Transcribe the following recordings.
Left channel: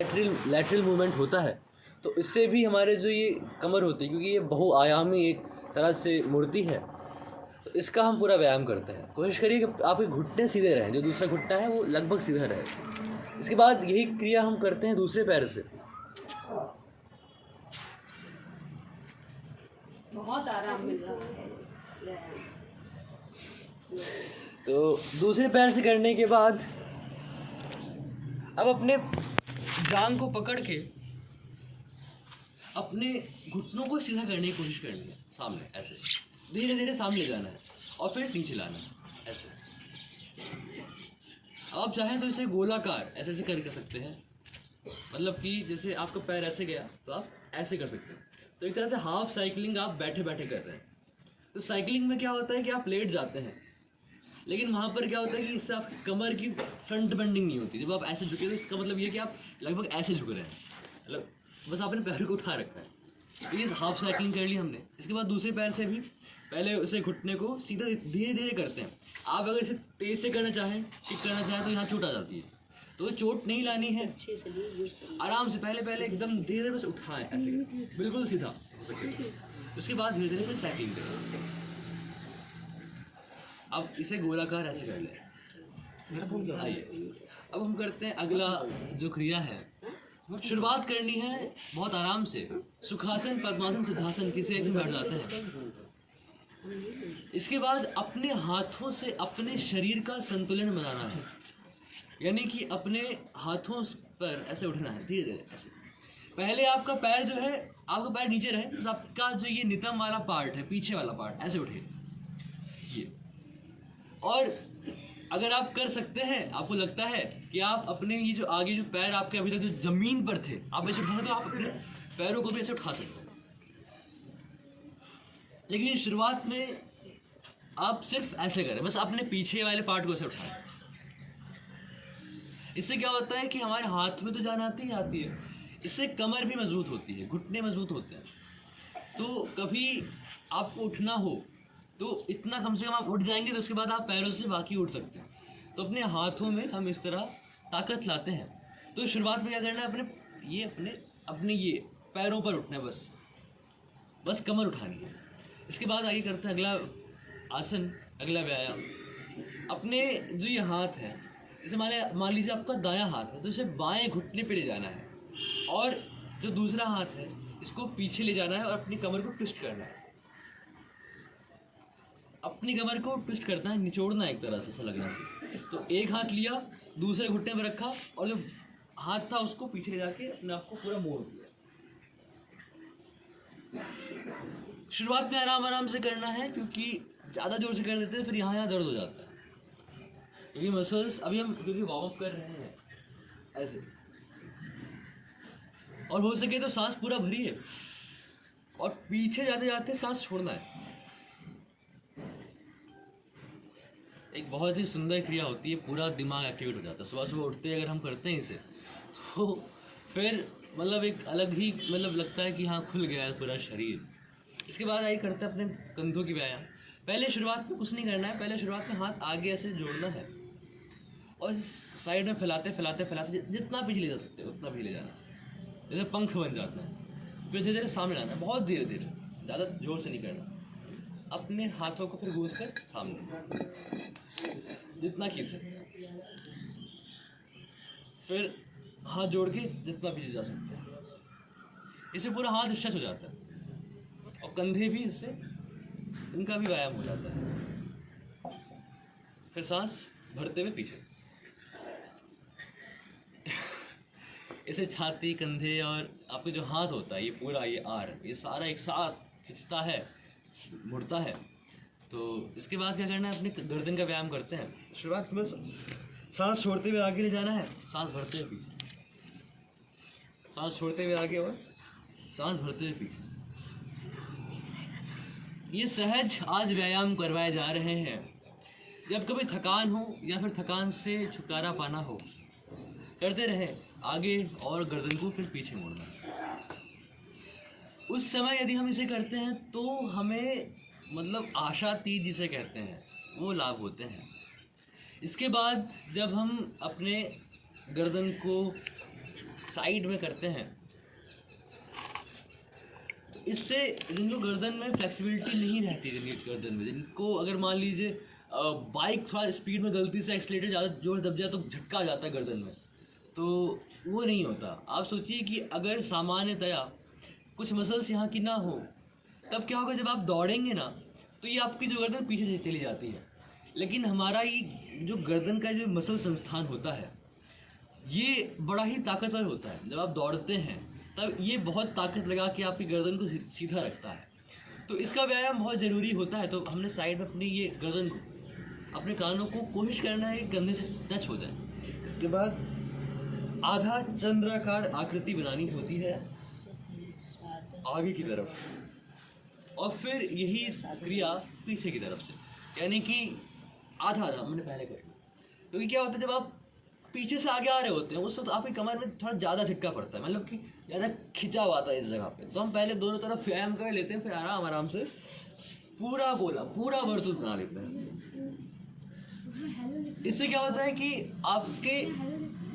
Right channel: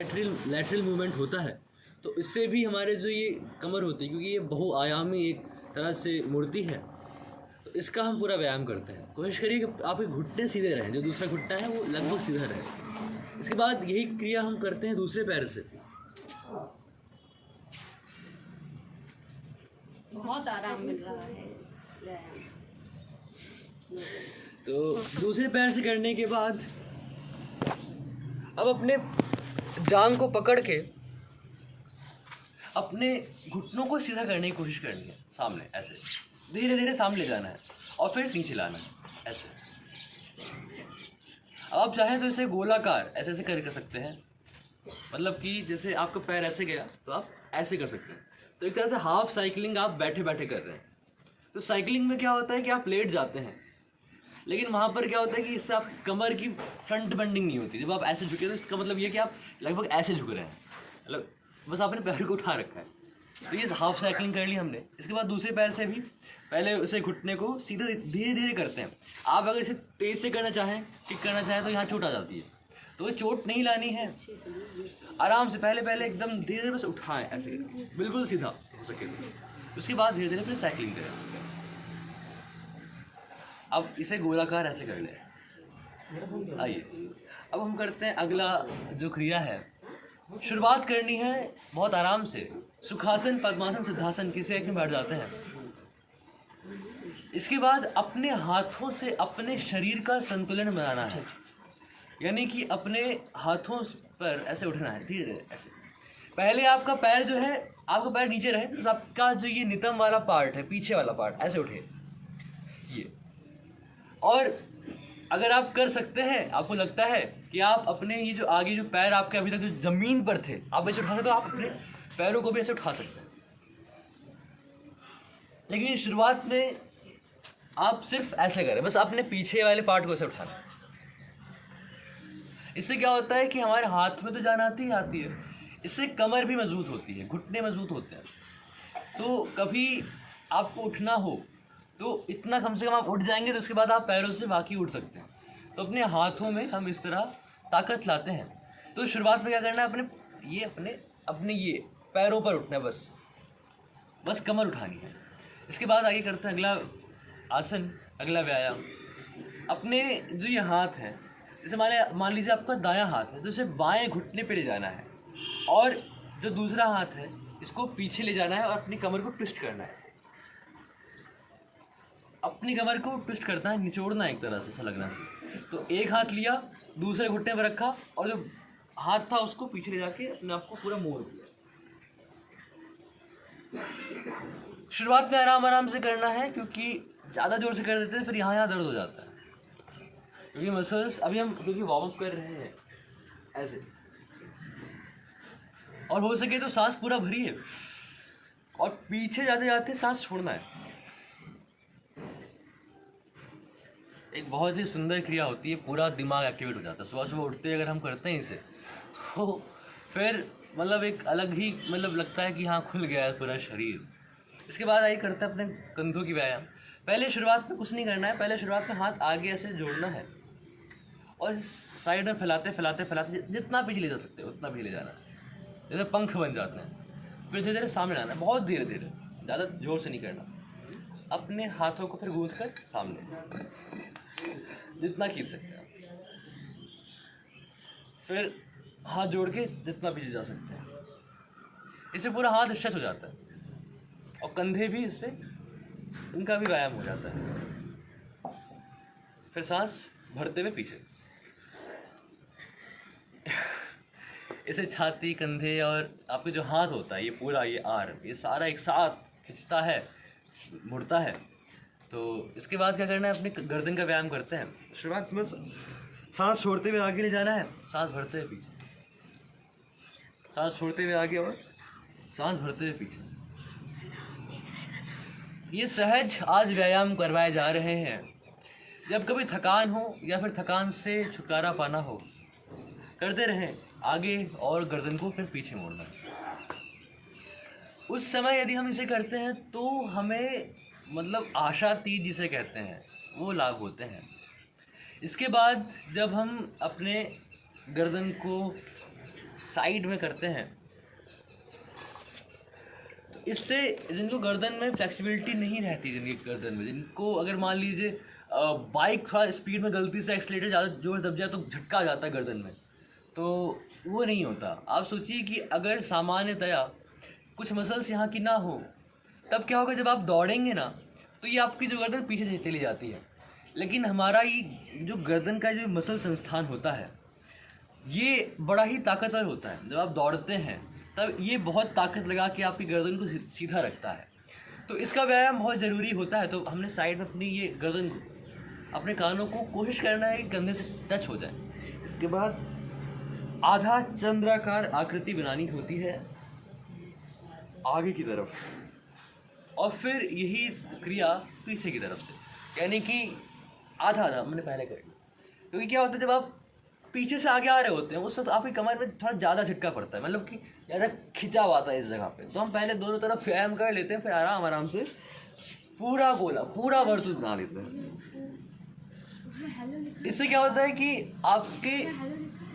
Lateral movement होता है तो इससे भी हमारे जो ये कमर होती है, क्योंकि ये बहुआयामी एक तरह से मूर्ति है, तो इसका हम पूरा व्यायाम करते हैं। कोशिश करिए कि आपके घुटने सीधे रहें, जो दूसरा घुटना है वो लगभग सीधा रहे। इसके बाद यही क्रिया हम करते हैं दूसरे पैर से। बहुत आराम मिल रहा है। तो दूसरे पैर से करने के बाद अब अपने जांघ को पकड़ के अपने घुटनों को सीधा करने की कोशिश करनी है, सामने ऐसे धीरे धीरे सामने ले जाना है और फिर नीचे लाना है ऐसे। अब आप चाहें तो इसे गोलाकार ऐसे ऐसे कर सकते हैं, मतलब कि जैसे आपका पैर ऐसे गया तो आप ऐसे कर सकते हैं। तो एक तरह से हाफ साइकिलिंग आप बैठे बैठे कर रहे हैं। तो साइकिलिंग में क्या होता है कि आप लेट जाते हैं, लेकिन वहाँ पर क्या होता है कि इससे आपकी कमर की फ्रंट बेंडिंग नहीं होती। जब आप ऐसे झुके तो इसका मतलब ये है कि आप लगभग ऐसे झुक रहे हैं, मतलब बस आपने पैर को उठा रखा है। तो ये हाफ साइकिलिंग कर ली हमने। इसके बाद दूसरे पैर से भी पहले उसे घुटने को सीधा धीरे धीरे करते हैं। आप अगर इसे तेज़ से करना चाहें, किक करना चाहें तो यहाँ चोट आ जाती है, तो ये चोट नहीं लानी है। आराम से पहले एकदम धीरे धीरे बस उठाएं ऐसे करें, बिल्कुल सीधा हो सके तो। उसके बाद धीरे धीरे फिर साइकिलिंग करें। अब इसे गोलाकार ऐसे कर लें। आइए अब हम करते हैं अगला जो क्रिया है। शुरुआत करनी है बहुत आराम से, सुखासन, पद्मासन, सिद्धासन किसी एक में बैठ जाते हैं। इसके बाद अपने हाथों से अपने शरीर का संतुलन बनाना है, यानी कि अपने हाथों पर ऐसे उठना है धीरे धीरे ऐसे। पहले आपका पैर जो है, आपका पैर नीचे रहे, तो आपका जो ये नितंब वाला पार्ट है, पीछे वाला पार्ट ऐसे उठे ये। और अगर आप कर सकते हैं, आपको लगता है कि आप अपने ये जो आगे जो पैर आपके अभी तक जो जमीन पर थे आप ऐसे उठा सकते, तो आप अपने पैरों को भी ऐसे उठा सकते हैं। लेकिन शुरुआत में आप सिर्फ ऐसे करें, बस अपने पीछे वाले पार्ट को ऐसे उठाना। इससे क्या होता है कि हमारे हाथ में तो जान आती ही आती है, इससे कमर भी मजबूत होती है, घुटने मजबूत होते हैं। तो कभी आपको उठना हो तो इतना कम से कम आप उठ जाएंगे, तो उसके बाद आप पैरों से बाकी उठ सकते हैं। तो अपने हाथों में हम इस तरह ताकत लाते हैं। तो शुरुआत में क्या करना है, अपने ये पैरों पर उठना है, बस कमर उठानी है। इसके बाद आगे करते हैं अगला आसन, अगला व्यायाम। अपने जो ये हाथ है, जैसे मान लीजिए आपका दायां हाथ है, तो इसे बाएं घुटने पे ले जाना है और जो दूसरा हाथ है इसको पीछे ले जाना है और अपनी कमर को ट्विस्ट करना है। अपनी कमर को ट्विस्ट करना है, निचोड़ना है एक तरह से, ऐसा लगना से। तो एक हाथ लिया, दूसरे घुटने पर रखा और जो हाथ था उसको पीछे ले जाके अपने आप को पूरा मोड़ दिया। शुरुआत में आराम आराम से करना है, क्योंकि ज़्यादा जोर से कर देते हैं फिर यहाँ दर्द हो जाता है। क्योंकि मसल्स अभी हम क्योंकि वार्म अप कर रहे हैं ऐसे, और हो सके तो सांस पूरा भरिए और पीछे जाते जाते सांस छोड़ना है। एक बहुत ही सुंदर क्रिया होती है, पूरा दिमाग एक्टिवेट हो जाता है। सुबह सुबह उठते अगर हम करते हैं इसे, तो फिर मतलब एक अलग ही मतलब लगता है कि हाँ खुल गया है पूरा शरीर। इसके बाद आइए करते हैं अपने कंधों की व्यायाम। पहले शुरुआत में कुछ नहीं करना है, पहले शुरुआत में हाथ आगे ऐसे जोड़ना है और इस साइड में फैलाते फैलाते फैलाते जितना पीछे ले जा सकते हो उतना पीछे ले जाना है, जैसे पंख बन जाते हैं। फिर धीरे धीरे सामने लाना है, बहुत धीरे धीरे, ज़्यादा जोर से नहीं करना। अपने हाथों को फिर गूंथ कर सामने जितना खींच सकते हैं, फिर हाथ जोड़ के जितना पीछे जा सकते हैं। इससे पूरा हाथ स्ट्रेच हो जाता है और कंधे भी, इससे इनका भी व्यायाम हो जाता है। फिर सांस भरते हुए पीछे, इसे छाती, कंधे और आपके जो हाथ होता है, ये पूरा ये आर, ये सारा एक साथ खिंचता है, मुड़ता है। तो इसके बाद क्या करना है, अपने गर्दन का व्यायाम करते हैं। शुरुआत में सांस छोड़ते हुए आगे ले जाना है, सांस भरते हुए पीछे, सांस छोड़ते हुए आगे और सांस भरते हुए पीछे। ये सहज आज व्यायाम करवाए जा रहे हैं। जब कभी थकान हो या फिर थकान से छुटकारा पाना हो, करते रहें आगे और गर्दन को फिर पीछे मोड़ना। उस समय यदि हम इसे करते हैं तो हमें मतलब आशातीत जिसे कहते हैं वो लाभ होते हैं। इसके बाद जब हम अपने गर्दन को साइड में करते हैं तो इससे जिनको गर्दन में फ्लेक्सिबिलिटी नहीं रहती, जिनकी गर्दन में, जिनको अगर मान लीजिए बाइक थोड़ा स्पीड में गलती से एक्सीलेटर ज़्यादा जोर दब जाए तो झटका आ जाता है गर्दन में, तो वो नहीं होता। आप सोचिए कि अगर सामान्यतया कुछ मसल्स यहाँ की ना हो, तब क्या होगा, जब आप दौड़ेंगे ना तो ये आपकी जो गर्दन पीछे से चली जाती है। लेकिन हमारा ये जो गर्दन का जो मसल संस्थान होता है ये बड़ा ही ताकतवर होता है। जब आप दौड़ते हैं तब ये बहुत ताकत लगा के आपकी गर्दन को सीधा रखता है। तो इसका व्यायाम बहुत ज़रूरी होता है। तो हमने साइड में अपनी ये गर्दन को, अपने कानों को कोशिश करना है कि कंधे से टच हो जाए। इसके बाद आधा चंद्राकार आकृति बनानी होती है आगे की तरफ, और फिर यही क्रिया पीछे की तरफ से, यानी कि आधा हमने पहले कर लिया। क्योंकि क्या होता है, जब आप पीछे से आगे आ रहे होते हैं उस वक्त आपकी कमर में थोड़ा ज़्यादा झटका पड़ता है, मतलब कि ज़्यादा खिंचाव आता है इस जगह पे। तो हम पहले दोनों तरफ व्यायाम कर लेते हैं, फिर आराम आराम से पूरा गोला, पूरा वर्तुल बना लेते हैं। इससे क्या होता है कि आपके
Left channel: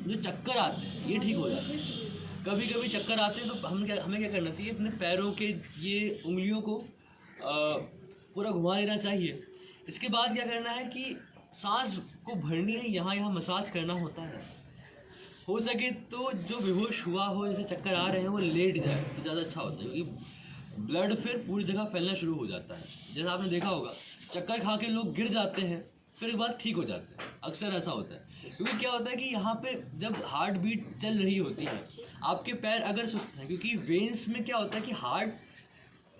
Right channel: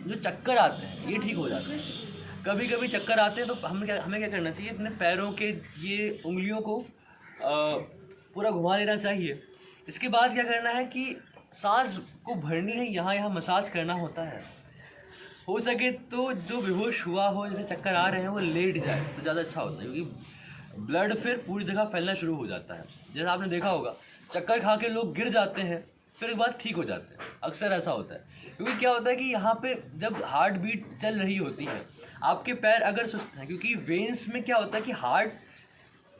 जो चक्कर आते हैं ये ठीक हो जाते हैं। कभी कभी चक्कर आते हैं तो हमें क्या करना चाहिए, अपने पैरों के ये उंगलियों को पूरा घुमा लेना चाहिए। इसके बाद क्या करना है कि सांस को भरनी है, यहाँ मसाज करना होता है। हो सके तो जो बेहोश हुआ हो, जैसे चक्कर आ रहे हैं, वो लेट जाए तो ज़्यादा अच्छा होता है, क्योंकि ब्लड फिर पूरी जगह फैलना शुरू हो जाता है। जैसे आपने देखा होगा चक्कर खा के लोग गिर जाते हैं फिर एक बार ठीक हो जाते हैं, अक्सर ऐसा होता है। क्योंकि क्या होता है कि यहाँ पे जब हार्ट बीट चल रही होती है, आपके पैर अगर सुस्त हैं, क्योंकि वेन्स में क्या होता है कि हार्ट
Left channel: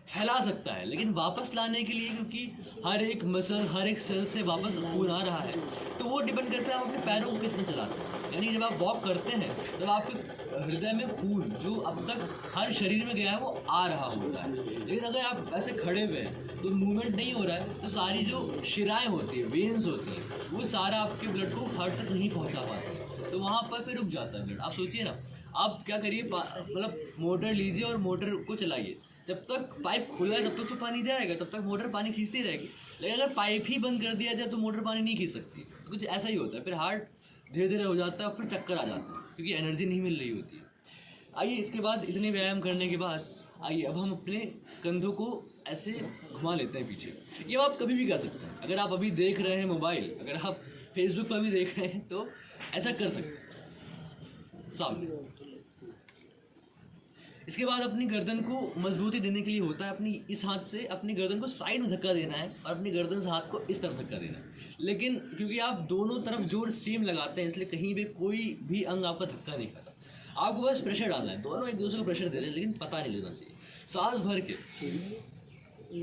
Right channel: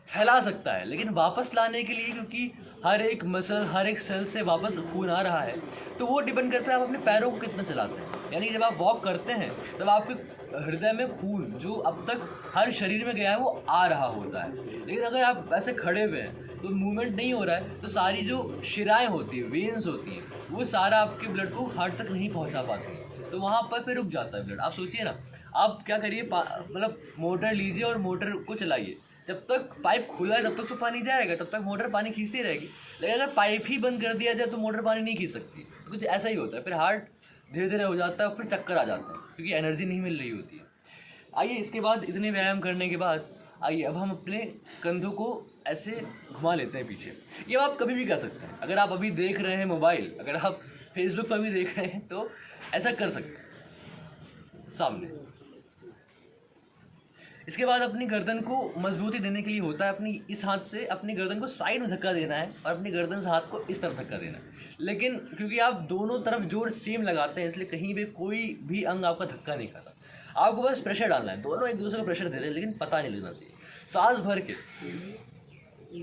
फैला सकता है, लेकिन वापस लाने के लिए, क्योंकि हर एक मसल, हर एक सेल से वापस खून आ रहा है, तो वो डिपेंड करता है आप अपने पैरों को कितना चलाते हैं। यानी जब आप वॉक करते हैं तब आपके हृदय में खून जो अब तक हर शरीर में गया है वो आ रहा होता है। लेकिन अगर आप ऐसे खड़े हुए हैं तो मूवमेंट नहीं हो रहा है, तो सारी जो शिराएँ होती है, वेन्स होती हैं, वो सारा आपके ब्लड को हार्ट तक नहीं पहुँचा पाती है, तो वहाँ पर फिर रुक जाता है ब्लड। आप सोचिए ना, आप क्या करिए, मतलब मोटर लीजिए और मोटर को चलाइए, जब तक पाइप खुला है तब तक तो पानी जाएगा, तब तक मोटर पानी खींचती रहेगी। लेकिन अगर पाइप ही बंद कर दिया जाए तो मोटर पानी नहीं खींच सकती। तो कुछ ऐसा ही होता है, फिर हार्ट धीरे धीरे हो जाता है, फिर चक्कर आ जाते हैं, क्योंकि एनर्जी नहीं मिल रही होती है। आइए, इसके बाद इतने व्यायाम करने के बाद आइए अब हम अपने कंधों को ऐसे घुमा लेते हैं पीछे। ये आप कभी भी कर सकते हैं। अगर आप अभी देख रहे हैं मोबाइल, अगर आप फेसबुक पर भी देख रहे हैं तो ऐसा कर सकते हैं सामने। इसके बाद अपनी गर्दन को मजबूती देने के लिए होता है अपनी इस हाथ से अपनी गर्दन को साइड में धक्का देना है और अपनी गर्दन से हाथ को इस तरफ धक्का देना है। लेकिन क्योंकि आप दोनों तरफ जोर सेम लगाते हैं, इसलिए कहीं भी कोई भी अंग आपका धक्का नहीं खाता। आपको बस प्रेशर डालना है, दोनों एक दूसरे को प्रेशर दे रहे हैं, लेकिन पता नहीं लगना चाहिए। सांस भर के,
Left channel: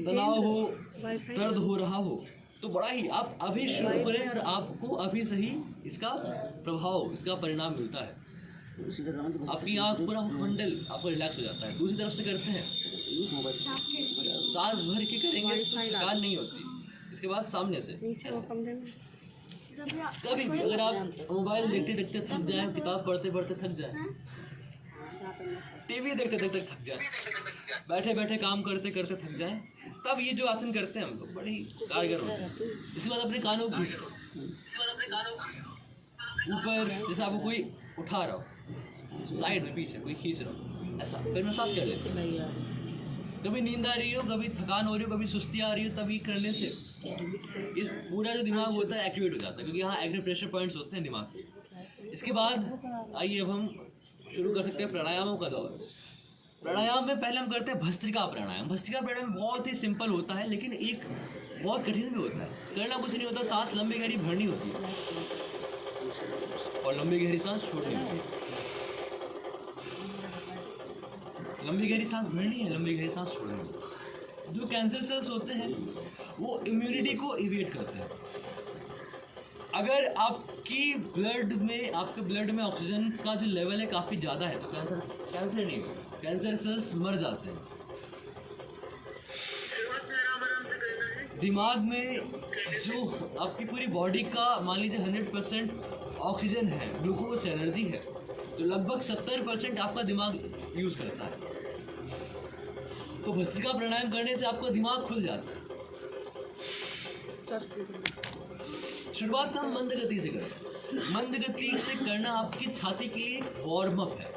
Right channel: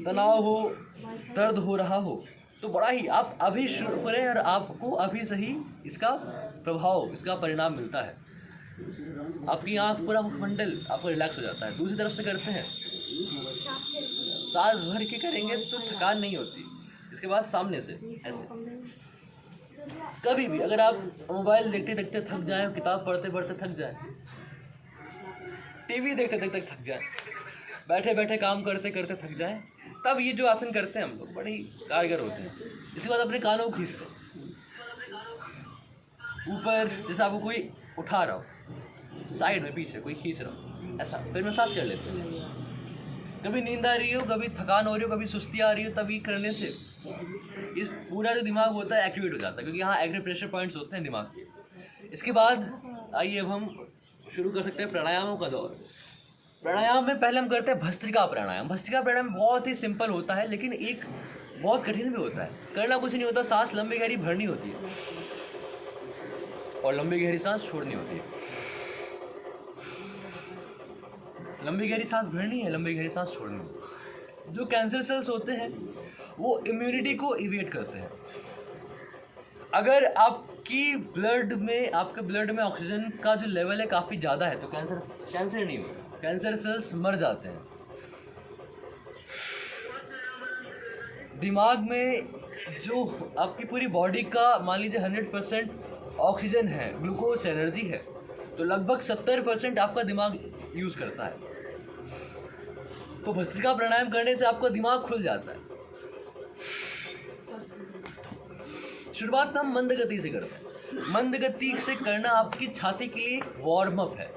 तनाव हो, दर्द हो रहा हो तो बड़ा ही आप अभी शुरू करें और आपको अभी से ही इसका प्रभाव, इसका परिणाम मिलता है। आपकी आँख पूरा मंडल आपको रिलैक्स हो जाता है। दूसरी तरफ से करते हैं, सांस भर के करेंगे तो थकान नहीं होती। इसके बाद सामने से ऐसे। कभी भी अगर आप मोबाइल देखते देखते थक जाए, किताब पढ़ते पढ़ते थक जाए, टीवी देखते देखते थक जाए, बैठे बैठे काम करते करते थक जाए, तब ये जो आसन करते हैं हम लोग बड़े ही कारगर होते हैं। इसके बाद अपने कानों को खींचते ऊपर, जैसे आपको कोई उठा रहा हो, साइड में पीछे कोई खींच रहा हो, ऐसा फिर मसाज कर लेते हैं। कभी नींद आ रही हो, कभी थकान हो रही हो, कभी सुस्ती आ रही हो, तभी करने से इस पूरा जो दिमाग होता है एक्टिवेट हो जाता है, क्योंकि यहाँ एक्यूप्रेशर पॉइंट्स होते हैं दिमाग के। इसके बाद आइए अब हम शुरू कर सकते हैं प्राणायामों का दौर। प्राणायाम में पहले हम करते हैं भस्त्रिका प्राणायाम। भस्त्रिका प्राणायाम बहुत ही सिंपल होता है, लेकिन एक बहुत कठिन भी होता है। करना कुछ नहीं होता, सांस लंबी गहरी भरनी होती है और लंबी गहरी सांस छोड़नी होती है। लंबी गहरी सांस भरनी है, लंबी गहरी सांस छोड़नी है। जो कैंसर सेल्स होते हैं वो इम्यूनिटी को इवेट करते हैं। अगर आपके ब्लड में ऑक्सीजन का जो लेवल है काफ़ी ज़्यादा है तो कैंसर नहीं होगा, कैंसर सेल्स मर जाते हैं। दिमाग में जो आपकी पूरी बॉडी का मान लीजिए 100% ऑक्सीजन है, ग्लूकोज एनर्जी है, तो लगभग 70% आपका दिमाग यूज़ करता है। तो भस्त्रिका प्राणायाम करने से आपका दिमाग खुल जाता है। शुरुआत हम मंद गति से करते हैं। मंद गति से करना आपकी छाती के लिए वार्म अप है।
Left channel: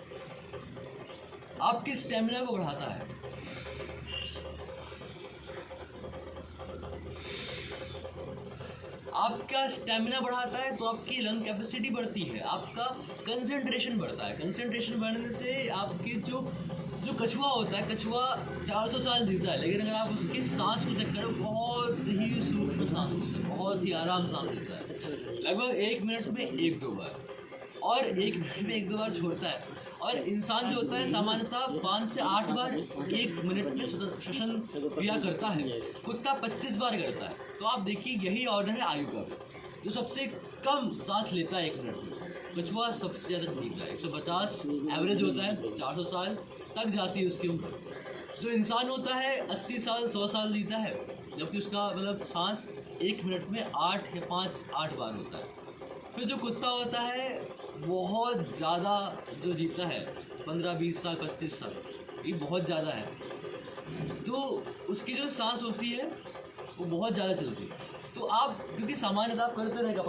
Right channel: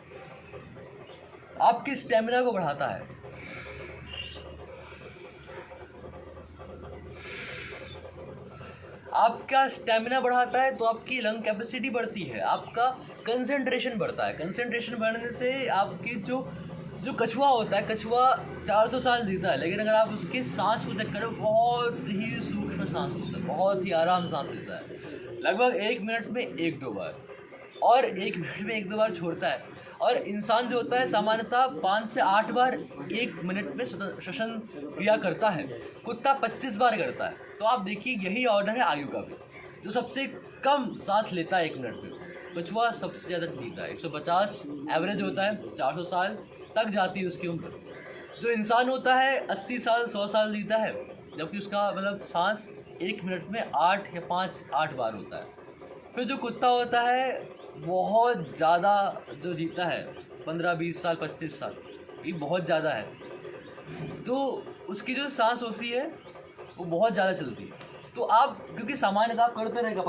आपके स्टेमिना को बढ़ाता है। आपका स्टेमिना बढ़ाता है तो आपकी लंग कैपेसिटी बढ़ती है, आपका कंसंट्रेशन बढ़ता है। कंसंट्रेशन बढ़ने से आपकी जो कछुआ होता है, कछुआ 400 साल जीता है, लेकिन अगर आप उसके सांस को चेक करें, बहुत ही सूक्ष्म सांस होता है, बहुत ही आराम से सांस लेता है, लगभग 1 मिनट में 1-2 बार, और 1 मिनट में 1-2 बार छोड़ता है। और इंसान जो होता है सामान्यतः 5 से 8 बार 1 मिनट में श्वसन क्रिया करता है, कुत्ता 25 बार करता है। तो आप देखिए यही ऑर्डर है आयु का भी, जो सबसे कम सांस लेता है 1 मिनट में, कछुआ सबसे ज़्यादा जीता है। 150 एवरेज होता है, 400 साल तक जाती है उसकी उम्र। जो इंसान होता है 80 साल 100 साल जीता है, जबकि उसका मतलब सांस 1 मिनट में 8 या 5-8 बार होता है। फिर जो कुत्ता होता है बहुत ज़्यादा जो जीता है, 15-20 साल 25 साल, ये बहुत ज़्यादा है। तो उसकी जो सांस होती है वो बहुत ज़्यादा चलती है। तो आप क्योंकि सामान्यतः आप करते रहेगा,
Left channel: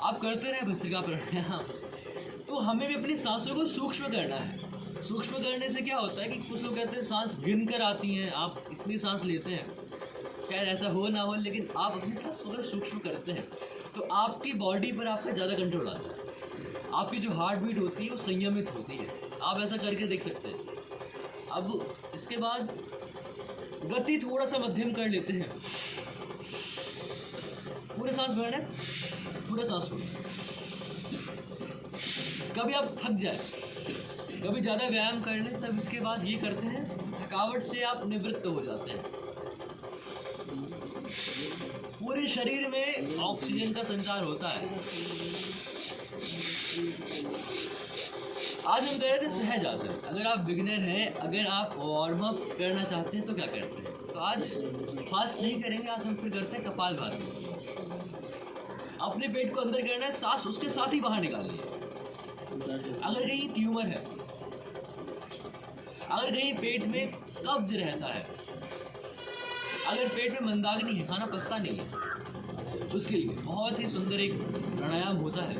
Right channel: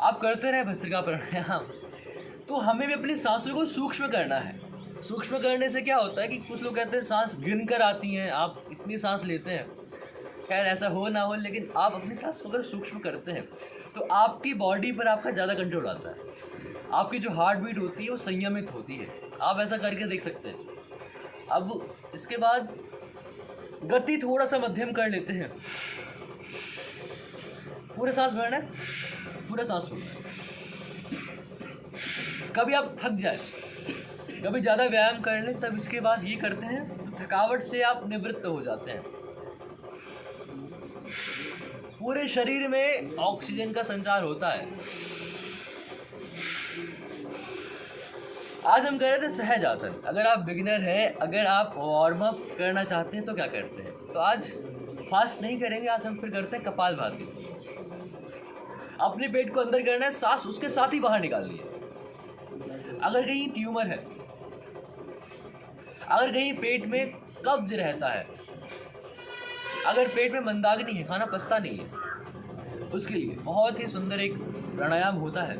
आप करते रहे भस्त्रिका प्राणायाम, तो हमें भी अपनी सांसों को सूक्ष्म करना है। सूक्ष्म करने से क्या होता है कि कुछ लोग कहते हैं सांस गिन कर आती हैं, आप इतनी सांस लेते हैं। खैर ऐसा हो ना हो, लेकिन आप अपनी सांस को अगर सूक्ष्म करते हैं तो आपकी बॉडी पर आपका ज़्यादा कंट्रोल आता है, आपकी जो हार्ट बीट होती है वो संयमित होती है। आप ऐसा करके देख सकते हैं। अब इसके बाद गति थोड़ा सा मध्यम कर लेते हैं। पूरे सांस भरना है, पूरा सांस छोड़ना है। कभी आप थक जाए, कभी ज़्यादा व्यायाम कर लें, तब इसके बाद ये करते हैं तो थकावट से आप निवृत्त हो जाते हैं। पूरे शरीर में ऑक्सीजन का संचार होता है। आज हम कर रहे थे सहज आसन। अगर आप बिगिनर हैं, अगर आप वार्म अप करना चाहते हैं तो क्या करते हैं, तो आज फास्ट नहीं करेंगे, आज हम फिर करते हैं कपालभाति। अपने पेट को अंदर करना है, सांस उसके साथ ही बाहर निकालनी है। अगर कहीं ट्यूमर है, अगर कहीं पेट में कब्ज रहता है, अगर पेट में मंदाग्नि है, खाना पचता नहीं है, उसके लिए बहुत ही सुंदर एक प्राणायाम होता है।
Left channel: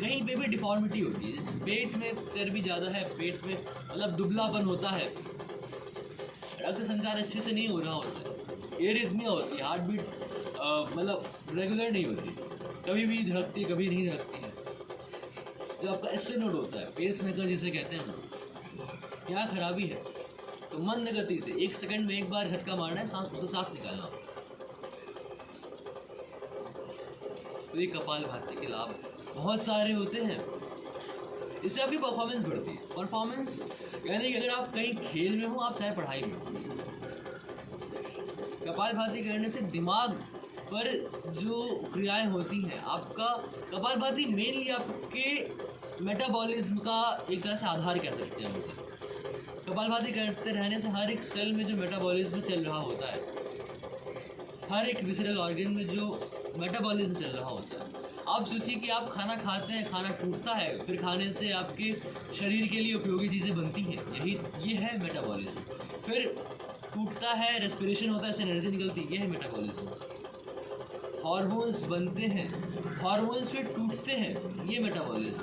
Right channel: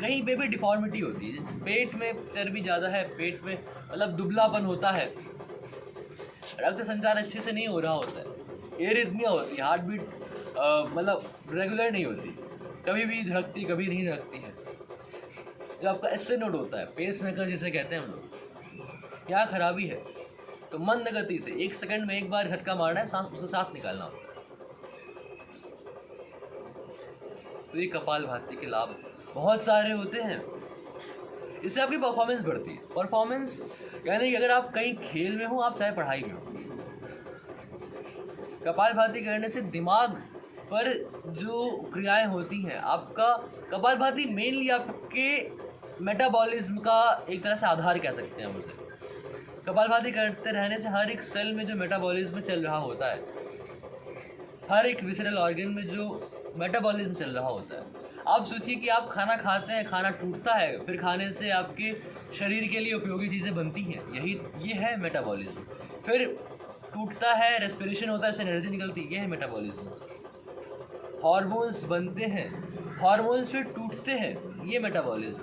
कहीं पे भी डिफॉर्मिटी होती है, पेट में चर्बी ज़्यादा है, पेट में मतलब दुबलापन होता है, रक्त संचार अच्छे से नहीं हो रहा होता है, एरिथमिया होती है, हार्ट बीट मतलब रेगुलर नहीं होती, कभी भी धड़कती कभी नहीं धड़कती है। जो आपका एसए नोड होता है, पेस मेकर जिसे कहते हैं हम लोग, क्या खराबी है, तो मंद गति से 1 सेकंड में 1 बार झटका मारना है, सांस उसके साथ निकालना होता है। तो ये कपालभाति के लाभ बहुत सारे होते हैं। इससे आपकी परफॉर्मेंस बढ़ती है। परफॉर्मेंस यानी कि अगर आप कहीं खेल में हो, आप चाहे पढ़ाई में हो, कपालभाति करने से दिमाग पर जो क्रियाएं होती हैं, आपका कपालभाति मेनली आपके मेटाबॉलिज्म का एक तरह से आधार कह सकते हैं हम उसे। कपालभाति करते रहने से हर एक सेल में जो मेटाबॉलिज्म चल रहा होता है, हर एक विसरल ऑर्गन में जो मेटाबॉलिज्म चल रहा होता है। आप सोचिए कि आप खाना खाते हैं, खाना टूटता है, फिर खाने से आपके शरीर के लिए उपयोगी चीज़ें बनती हैं, ये है मेटाबॉलिज्म। फिर टूटता है, रेस्पिरेशन होता है, इससे एनर्जी निकलती है, ये है मेटाबॉलिज्म। हार्मोन्स बनते हैं, हार्मोन्स फिर टूटते हैं, ये मेटाबॉलिज्म।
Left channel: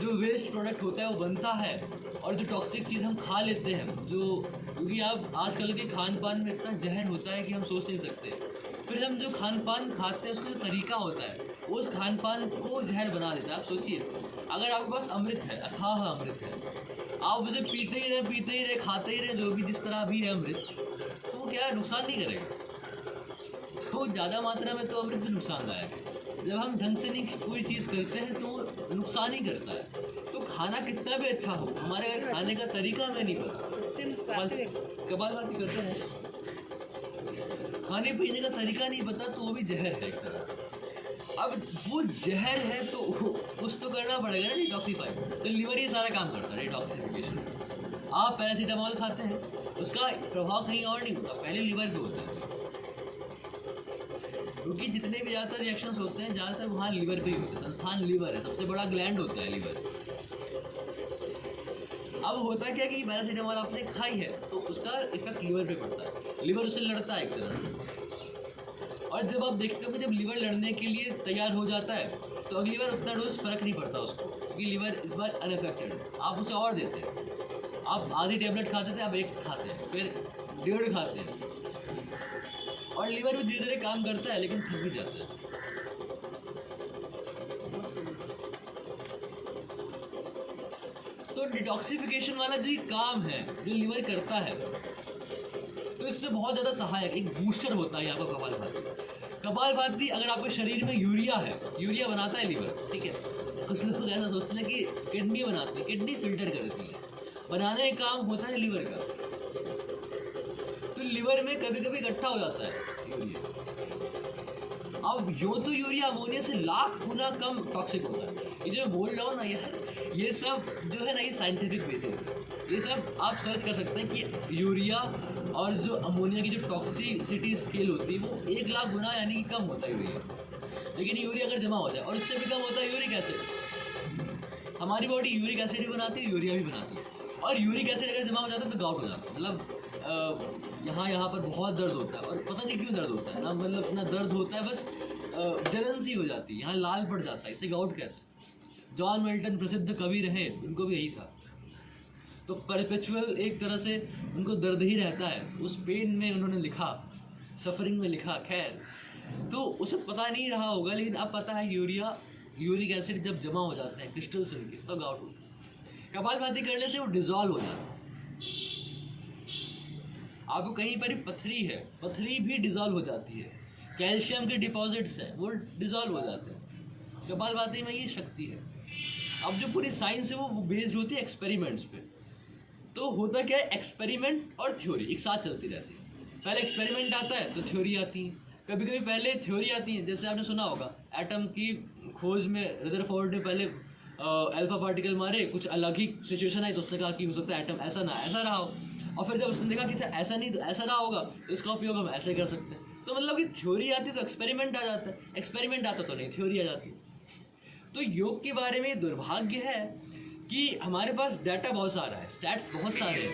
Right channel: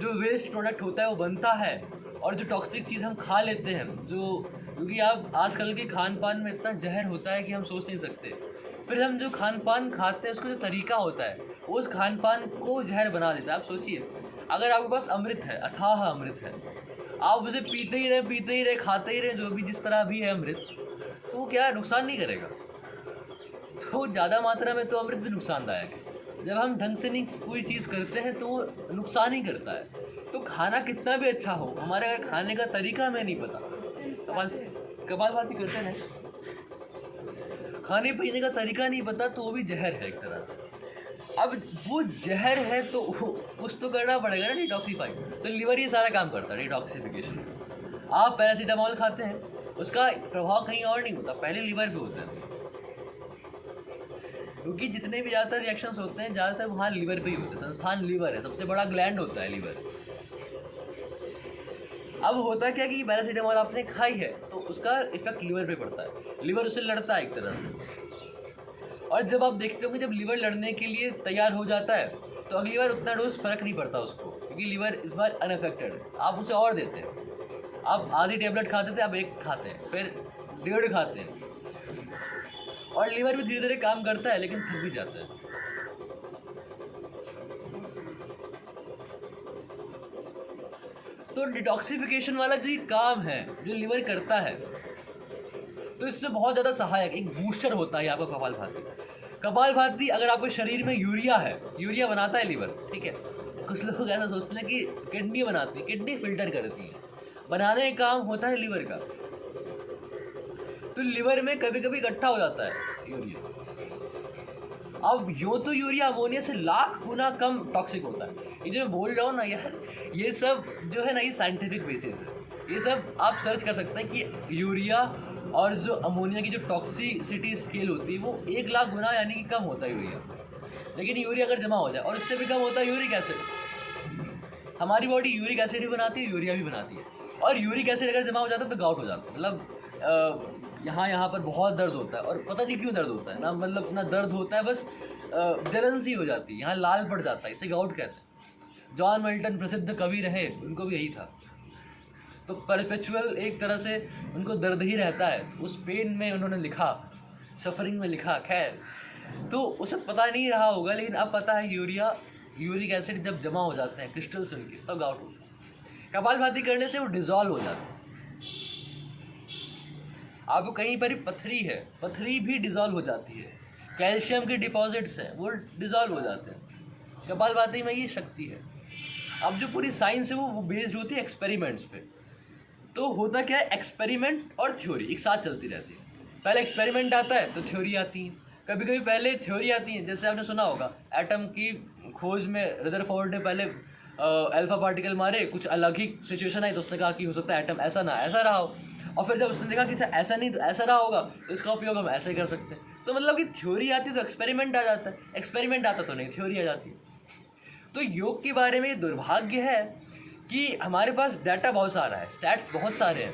जो वेस्ट प्रोडक्ट होता है वो बनता है, और जो टॉक्सिक चीज़ हम खा लेते हैं, क्योंकि आप आजकल के खान पान में इतना जहर होता है कि हम सोच नहीं सकते। फिर हम जो खान पान खाते हैं उसका जो तरीका होता है, उस खान पान को जहर बना देता है। आप सोचिए, अगर आपके पास अमृत है, अथाह अमृत है, आप उसे पीते ही रहे, खाते ही रहे, जो भी जिस तरह भी है अमृत, तो वो क्या नुकसान नहीं करेगा। तो ज़्यादा मात्रा में तो अमृत भी नुकसानदायक है। जब हम ढंग से नहीं कोई चीज़ करते हैं तो वो नुकसान ही करता है। तो खाना कितना भी अच्छा हो, हमारे अगर खाने का तरीका हमें नहीं पता, कपालभाति करते हैं, खाने पीने का तरीका नहीं पता, तो वो भी जहर है एक तरह से। अब वो जहर है तो कुछ तो करना पड़ेगा ना, डिटॉक्सीफाई। तो लीवर ये सारा काम करता है, डिटॉक्सिफिकेशन। आप पैरासीटामॉल खाते हैं, उसका प्रभाव कहीं और नहीं होता, पहले लीवर पे होता है, क्योंकि जितने भी ज़्यादातर रिएक्शंस होते हैं ज़्यादातर वहाँ लीवर पे ही होते हैं। संस्थान लीवर है, सबसे बड़ा ग्लैंड होता है लीवर। अब होता क्या कि पैरासीटामॉल आपने खाई है तो उसका इफेक्ट लीवर पे पड़ता है, लीवर उससे लड़ता है एक तरह से। और जब आप देखते हो कि जब लीवर लड़ने के लिए तैयार हो जाता है तो अगली बार उतना डोज फर्क नहीं पड़ता उसको, क्योंकि लीवर इस बार अनअफेक्टेड है, आप उसे और देते हैं। आप आधी टेबलेट खाते थे, आप एक खाते हैं, फिर 1.5 खाते हैं, और लीवर भी धीरे धीरे काम करता है लेकिन थक भी जाता है। तो डिटॉक्सिफिकेशन वाला जो ये काम है जो लीवर करता है, तो इसमें बहुत ज़्यादा सहायक एक बूस्टर होता है आपका कपालभाति। कपालभाति अगर आपके शरीर में यूरिया है, यूरिया बनाता है लीवर, ठीक है। कुछ लोग ऐसा सोचते हैं कि किडनी बनाती है, किडनी फिल्टर करती है, बनाने का काम होता है लीवर का। तो लीवर में कभी कभी इकट्ठा हो जाता है यूरिया। अब यूँ तो यूरिया अमोनिया से लाख गुना कम टॉक्सिक होता है। ये जो मैं बोल रहा हूँ ना यार, ये सब जो है ना, ये साइंटिफिक बेसिस है। ये सब आप सर्च कर सकते हैं कि यूरिया और जो अमोनिया की जो टॉक्सिसिटी स्केल होती है वो 1 लाख गुना यानी कि कम होता है यूरिया। लेकिन यूरिया अगर जमा हो जाए, और इससे भी कम होता है यूरिक एसिड। हमारी बॉडी यूरिक एसिड भी बनाती है, यूरिया भी बनाती है, और यूरिक एसिड अगर जमा हो जाता है तो गाउट हो जाता है। मतलब यहाँ पर बहुत दर्द होता है, और पता नहीं क्यों दर्द होता है ना, मतलब ना दर्द होता है, बस जलन सी हो जाती है, यहाँ लाल पड़ जाता है, इसे गाउट कहते हैं। जॉन मिल्टन प्रसिद्ध कवि रहे, उनको भी यही था। तो परपेचुअल एक तरह से उनको दर्द ही रहता है, उस पेन में उन्होंने लिखा, सफरिंग में लिखा। खैर, तो उसे पता नहीं रहा होगा, लेकिन अब पता है यूरिक एसिड जब जमा हो जाते हैं क्रिस्टल्स उनके, तो गाउट होता है। कपालभाति करने से वो डिज़ोल्व हो जाता है। आपको कहीं पर पथरी है, पथरी भी डिज़ोल्व हो जाती है। कैल्शियम के डिपॉजिट्स हैं, वो डिज़ोल्व हो जाते हैं। कपालभाति में ये शक्ति है। अब जो पूरी साइंस है वो बेस्ड होती है एक्सपेरिमेंट्स पे। तो होता क्या है, एक्सपेरिमेंट और थ्योरी एक साथ चलती रहती है। पहले एक्सपेरिमेंट आता है तो थ्योरी आती है, कभी कभी पहले थ्योरी आती है। जैसे आपने सुना होगा एटम की खोज में रदरफोर्ड ने पहले अल्फा पार्टिकल मारे, कुछ अलग ही सिचुएशन आई तो उसने कहा कि हो सकता है एटम ऐसा ना ऐसा रहा हो, और फिर जब उसने देखा कि ऐसा नहीं तो ऐसा रहा होगा, तो इसका उपयोग हम ऐसे कर सकते हैं। तो मतलब कि थ्योरी आती है तो एक्सपेरिमेंट आ जाता है, एक्सपेरिमेंट आता तो नहीं थ्योरी आ जाती है। तो योग के बारे में ये दुर्भाग्य है कि हमारे पास डाटा बहुत सारा है, स्टैट्स बहुत सारे हैं,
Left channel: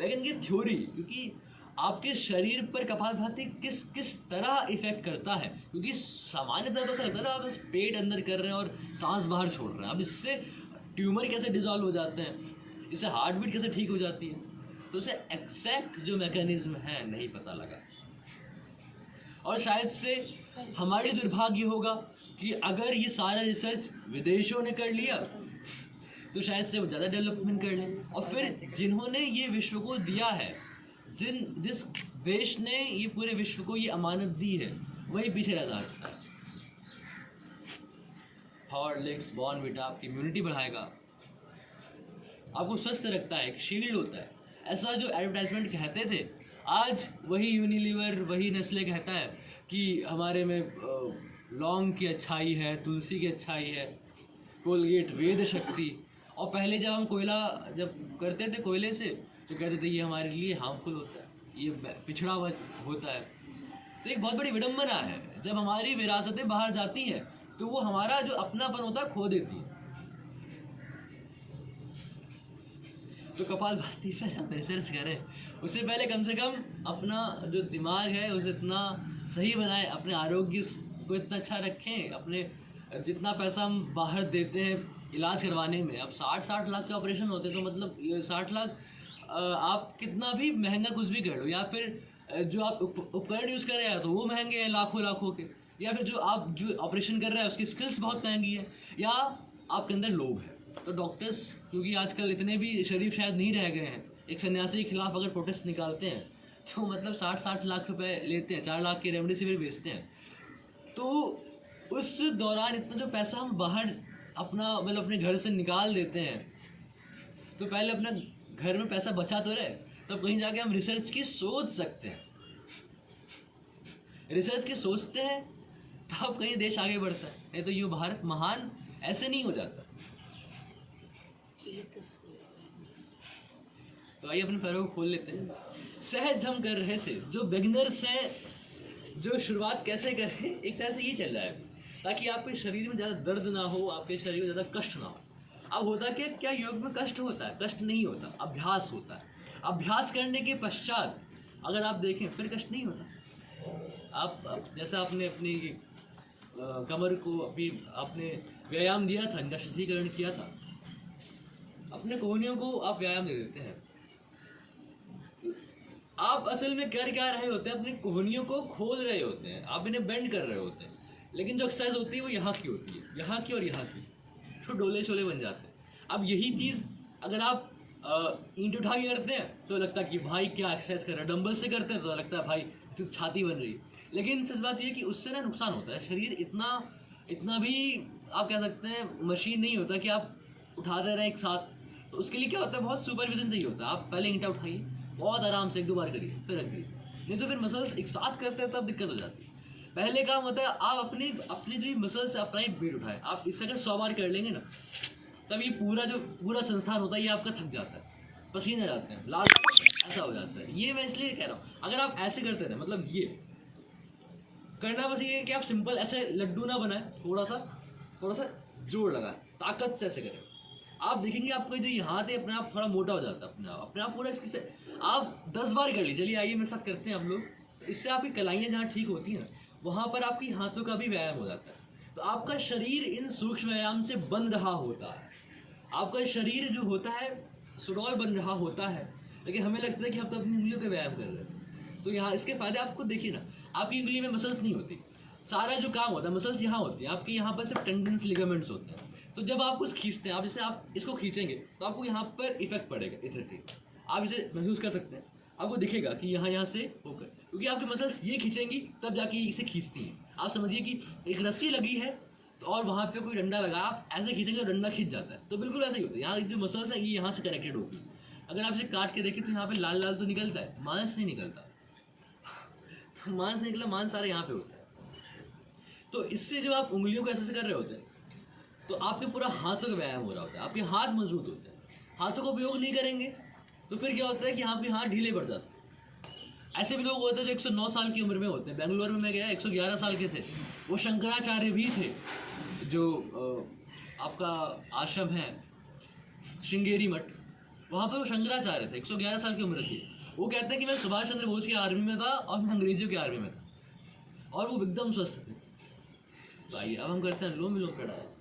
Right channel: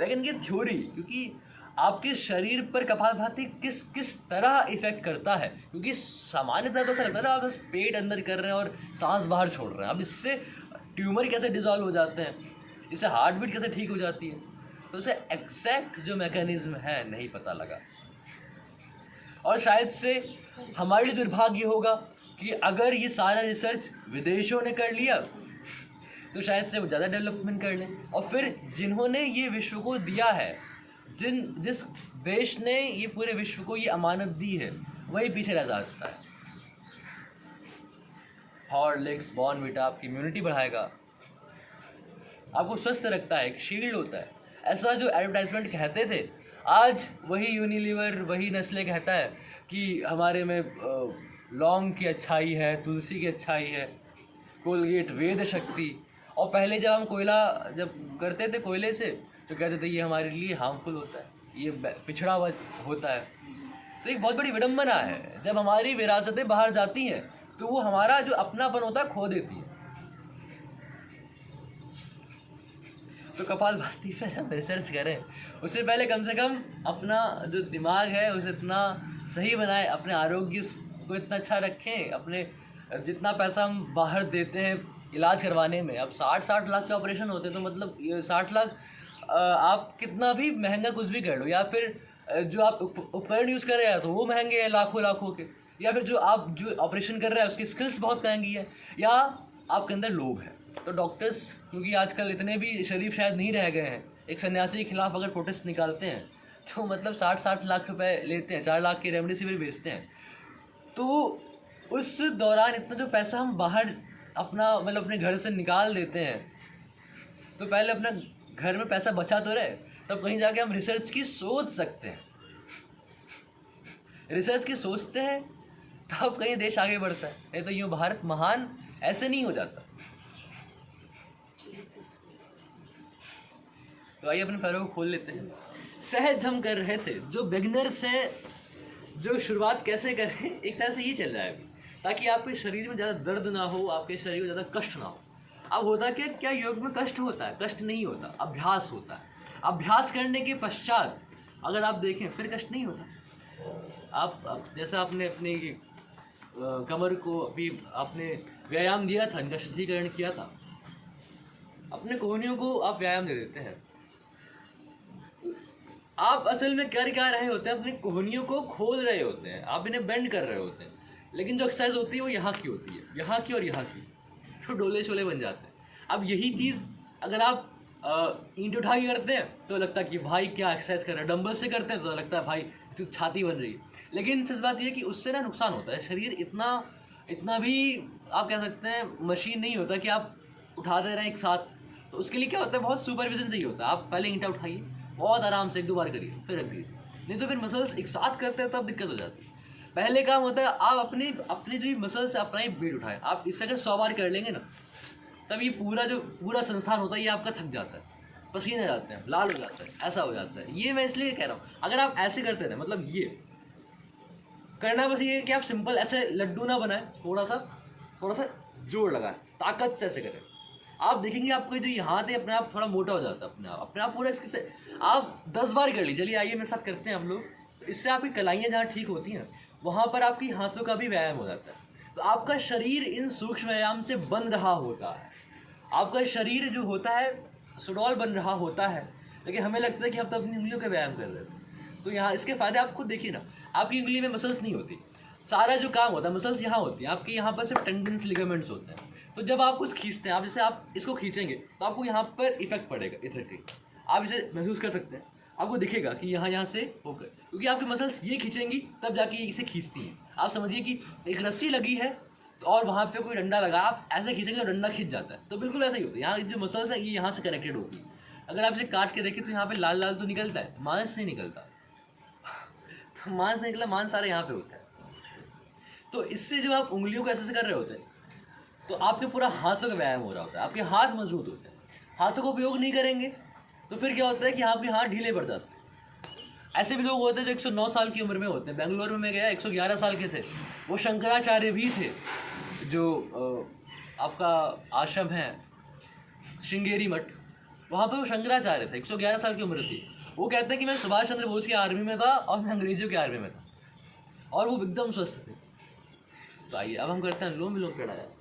लेकिन ये थ्योरी, क्योंकि आपके शरीर पर कपालभाति किस किस तरह इफेक्ट करता है, क्योंकि सामान्यतः तो ऐसा लगता है ना, आप बस पेट अंदर कर रहे हैं और सांस बाहर छोड़ रहे हैं। अब इससे ट्यूमर कैसे डिजॉल्व हो जाते हैं, इससे हार्ट बीट कैसे ठीक हो जाती है, तो उसे एग्जैक्ट जो मैकेनिज्म है नहीं पता लगा। और शायद से हमारे लिए दुर्भाग्य होगा कि अगर ये सारा रिसर्च विदेशों ने कर लिया तो शायद से वो ज़्यादा डेवलपमेंट कर लें, और फिर जिन्होंने ये विश्व को दिया है, जिस देश ने ये पूरे विश्व को ये अमानत दी है, वही पीछे रह सकता है। हॉर्लिक्स, बॉर्नविटा आपकी इम्यूनिटी बढ़ाएगा, आपको स्वस्थ रखता है, एक शील्ड होता है। ऐसा जो एडवर्टाइजमेंट कहते थे, आज वही यूनिलीवर, वही नेस्ले कहता है कि हमारे में लौंग की अच्छाई है, तुलसी की अच्छाई है, कोलगेट वेद शक्ति। और पहले जब हम कोयला जब करते थे कोयले से, तो कहते थे ये हमारे लिए हार्मफुल होता है, ये पिछड़ा हुआ होता है। तो एक बहुत बड़ी विडंबना है, जब हमारी विरासतें बाहर जाती हैं तो वो हमारा जो अपनापन होता है खो देती है। तो कपालभाति पर हम रिसर्च करें, उससे पहले कम से कम अपना जो दिमाग है उसे इतना सही बनाएं, अपने आरोग्य को इतना अच्छा रखें। अपने जितना पैसा हम बाहर देते हैं इलाज करवाने में, अब 60 लाख के ऑपरेशन होते हैं, तो मतलब 60 लाख आप कितना भी महंगा कुछ भी कर लो, या फिर जो आप उपकरण यूज़ कर रहे हैं तो वो महंगे हैं लाखों के, या फिर जो ऑपरेशन कर रहे हैं उसकी स्किल्स बहुत महंगी है, या आपके अंदर लोभ है। तो डॉक्टर्स, क्योंकि आजकल इतने भी शरीफ शायद नहीं रह गए हैं, एक सन्यासी के खिलाफ अगर प्रोटेस्ट निकालते हैं तो मतलब 60 लाख रुपए लेते हैं, 4 लाख की रेमडेसिविर बेचते हैं। तो उस दौरान इतना जो पैसा हम बाहर मतलब अपने घर से निकाल देते हैं, तो पहले अपना घर में पैसा बचा तो रहे, तब कहीं जाके हम रिसर्च की सोच सकते हैं। रिसर्च की सोचते हैं तब कहीं देश आगे बढ़ता है, नहीं तो यूँ भारत महान ऐसे नहीं हो जाता। तो आइए अपने पैरों को खोल लेते हैं। सहज हम कर रहे थे, जो बिगनर्स हैं, जो शुरुआत कैसे करें, एक तरह से ये चल रहा है ताकि आपके शरीर में ज़्यादा दर्द ना हो, आपके शरीर में ज़्यादा कष्ट ना हो। अब होता क्या योग में कष्ट होता है? कष्ट नहीं होता, अभ्यास होता है। अभ्यास करने के पश्चात अगर आप देखें फिर कष्ट नहीं होता। आप जैसा आपने अपनी कमर को अभी आपने व्यायाम दिया था, इनका शुद्धिकरण किया था, अपने कोहनियों को आप व्यायाम दे देते हैं। आप असल में कर क्या रहे होते हैं, अपनी कोहनियों को खोल रहे होते हैं, आप इन्हें बेंड कर रहे होते हैं, लेकिन जो एक्सरसाइज होती है वो यहाँ की होती है, यहाँ की और यहाँ की, तो डोले शोले बन जाते हैं। अब यही चीज़ अगर आप ईंट उठा के करते हैं तो लगता है कि भाई क्या एक्सरसाइज कर रहे हैं, डंबल से करते हैं तो लगता है भाई इसकी छाती बन रही है, लेकिन सच बात ये है कि उससे ना नुकसान होता है। शरीर इतना भी आप कह सकते हैं मशीन नहीं होता कि आप उठाते रहें एक साथ, तो उसके लिए क्या होता है, बहुत सुपरविजन चाहिए होता है। आप पहले ईंटा उठाइए, बहुत आराम से 1-2 बार करिए, फिर रख दीजिए, नहीं तो फिर मसल्स एक साथ करते हैं तब दिक्कत हो जाती है। पहले काम होता है आप अपने जो मसल्स है अपना ही वेट उठाएं। आप इससे अगर 100 बार कर लेंगे ना, तब ये पूरा संस्थान होता है ये आपका थक जाता है, पसीने जाते हैं, लाल हो जाते हैं, ऐसा हो जाता है। ये मैं इसलिए कह रहा हूँ, अगर आप ऐसे करते हैं मतलब ये करना, बस ये है कि आप सिंपल ऐसे लड्डू ना बनाएं, थोड़ा सा जोर लगाएं, ताकत से ऐसे करें। आप देखेंगे आपको जो ये हाथ है अपने आप थोड़ा मोटा हो जाता है, अपने आप पूरा इसके से आप 10 बार कर लीजिए। चलिए आइए मेरे साथ करते हैं हम लोग। इससे आपकी कलाइयाँ जहाँ ठीक होती हैं वहाँ पर आपकी हाथों का भी व्यायाम हो जाता है। तो आपका शरीर इन सूक्ष्म व्यायाम से बन रहा होता है, आपका शरीर जो होता है सुडौल बन रहा होता है, लेकिन हमें लगता है कि हम तो अपनी उंगलियों का व्यायाम कर रहे हैं। तो यहाँ इसके फायदे आप खुद देखिए ना, आपकी उंगली में मसल्स नहीं होती, सारा जो काम होता है मसल्स यहाँ होती है, आपके यहाँ पर सिर्फ टेंडन्स लिगामेंट्स होते हैं। तो जब आप कुछ खींचते हैं, आप जैसे आप इसको खींचेंगे तो आपको यहाँ पर इफेक्ट पड़ेगा, इफेक्ट आप इसे महसूस कर सकते हैं, आपको दिखेगा कि यहाँ से होकर, क्योंकि आपकी मसल्स ये खींचेंगी तब जाके इसे खींचती हैं। आप समझिए कि एक रस्सी लगी है तो और वहाँ पे कोई डंडा लगा, आप ऐसे खींचेंगे तो डंडा खींच जाता है, तो बिल्कुल ऐसा ही होता है। यहाँ जो मसल्स है ये यहाँ से कनेक्टेड होती है। अगर आप इसे काट के देखें तो यहाँ पे लाल लाल तो निकलता है, मांस नहीं निकलता। तो मांस निकला, मांस सारे यहाँ पे होता है। तो इससे जब आप उंगलियों को ऐसे कर रहे होते हैं तो आपके पूरा हाथों का व्यायाम हो रहा होता है, आपके हाथ मजबूत होते हैं। हाथों का उपयोग नहीं करेंगे तो फिर क्या होता है कि आपके हाथ ढीले पड़ जाते हैं। ऐसे भी लोग होते हैं जो 109 साल की उम्र में होते हैं। बेंगलोर में मैं गया, 111 साल के थे, वो शंकराचार्य भी थे, जो आपका आश्रम है श्रृंगेरी मठ, वहाँ पे वो शंकराचार्य थे, 111 साल की उम्र थी। वो कहते हैं कि मैं सुभाष चंद्र बोस की आर्मी में था और मैं अंग्रेजों की आर्मी में था, और वो एकदम स्वस्थ थे। तो आइए अब हम करते हैं अनुलोम विलोम प्राणायाम।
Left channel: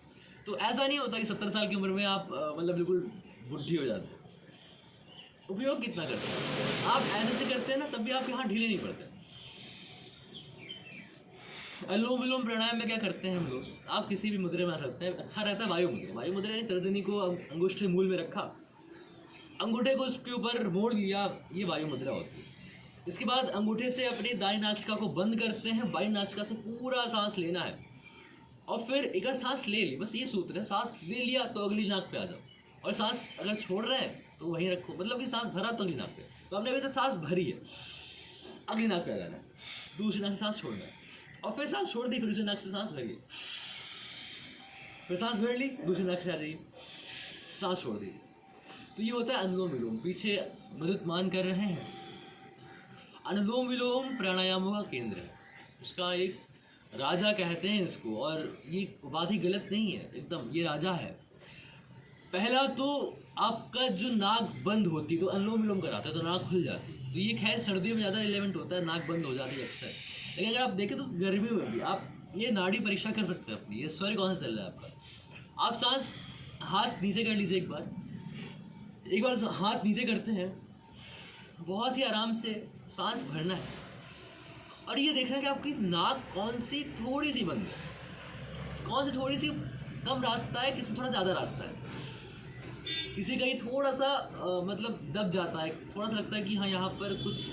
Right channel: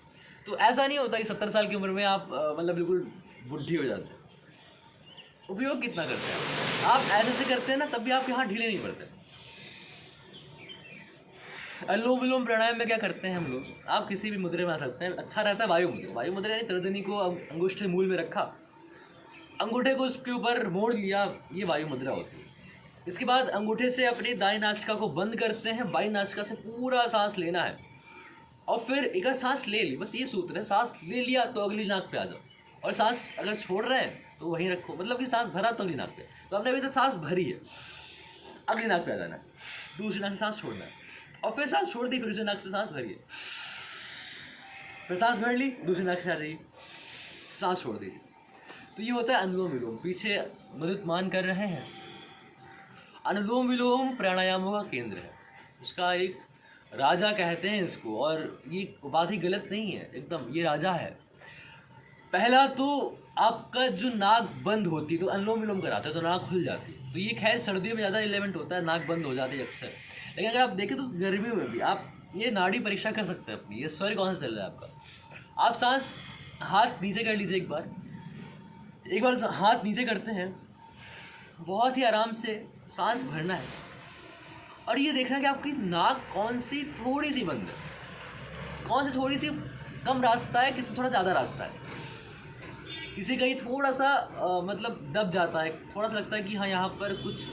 तो ऐसा नहीं होता कि 70 साल की उम्र में आप मतलब बिल्कुल बुढ़ी हो जाते हैं। उपयोग कितना करते हैं आप, ऐसे से करते हैं ना तब भी आपके हाथ ढीले नहीं पड़ते। अनुलोम विलोम प्राणायाम में क्या करते हैं हम लोग, आप किसी भी मुद्रे में आ सकते हैं। अच्छा रहता है वायु मुद्रा। वायु मुद्रा यानी तर्जनी को अंगूठे मूल में रखा, अंगूठे को उसके ऊपर मोड़ लिया, ये वायु मुद्रा होती है। इसके बाद अंगूठे से अपनी दाईं नासिका को बंद करते हैं, बाईं नासिका से पूरा सांस लेना है, और फिर एक बार सांस ले ली, बस ये सूत्र है। सांस ले लिया तो अगली नाक पे आ जाओ, और सांस अगर छोड़ रहे हैं तो वहीं रखो, मतलब कि सांस भरा तो अगली नाक पे। तो हमने अभी तक सांस भरी है, अगली नाक पे आ जाना है, दूसरी नाक से सांस छोड़ना है, और फिर सांस छोड़ दी, फिर दूसरी नाक से सांस भरिए, फिर सांस भर ली, दूसरी नाक से आ रही, सांस छोड़ दीजिए। तो ये होता है अनुलोम विलोम। पीछे मरुतमान कर रहे हैं। अनुलोम विलोम प्राणायामों का केंद्र है, उसका एक राजा कहते हैं इसको, और ये बात ही गलत नहीं है एकदम, ये राजा है। पहला तो आपका जो नाक बंद होती, तो अनुलोम विलोम कराते हैं तो नाक खुल जाती, तो ये खैर सर्दियों में ज़्यादा रिलेवेंट होता है, नाक बंद हो जाती है अक्सर। लेकिन अगर आप देखें तो गर्मियों में भी आप ये नाड़ी परीक्षा कर सकते हैं अपनी, ये स्वर कौन सा चल रहा है आपका। आप सांस हाथ नीचे कर लीजिए, एक बार हाथ नीचे करते हैं, बहुत ही आराम से सांस भरना है, और ये देखना कि आपकी नाक कौन सी थोड़ी सी बंद है, कौन सी थोड़ी सी कम रास्ता है, किसी थोड़ा ज़्यादा रास्ता है। किसी का ही थोड़ा सा मतलब दब जाता है, थोड़ा सा लगता है कि हाँ यहाँ पर कुछ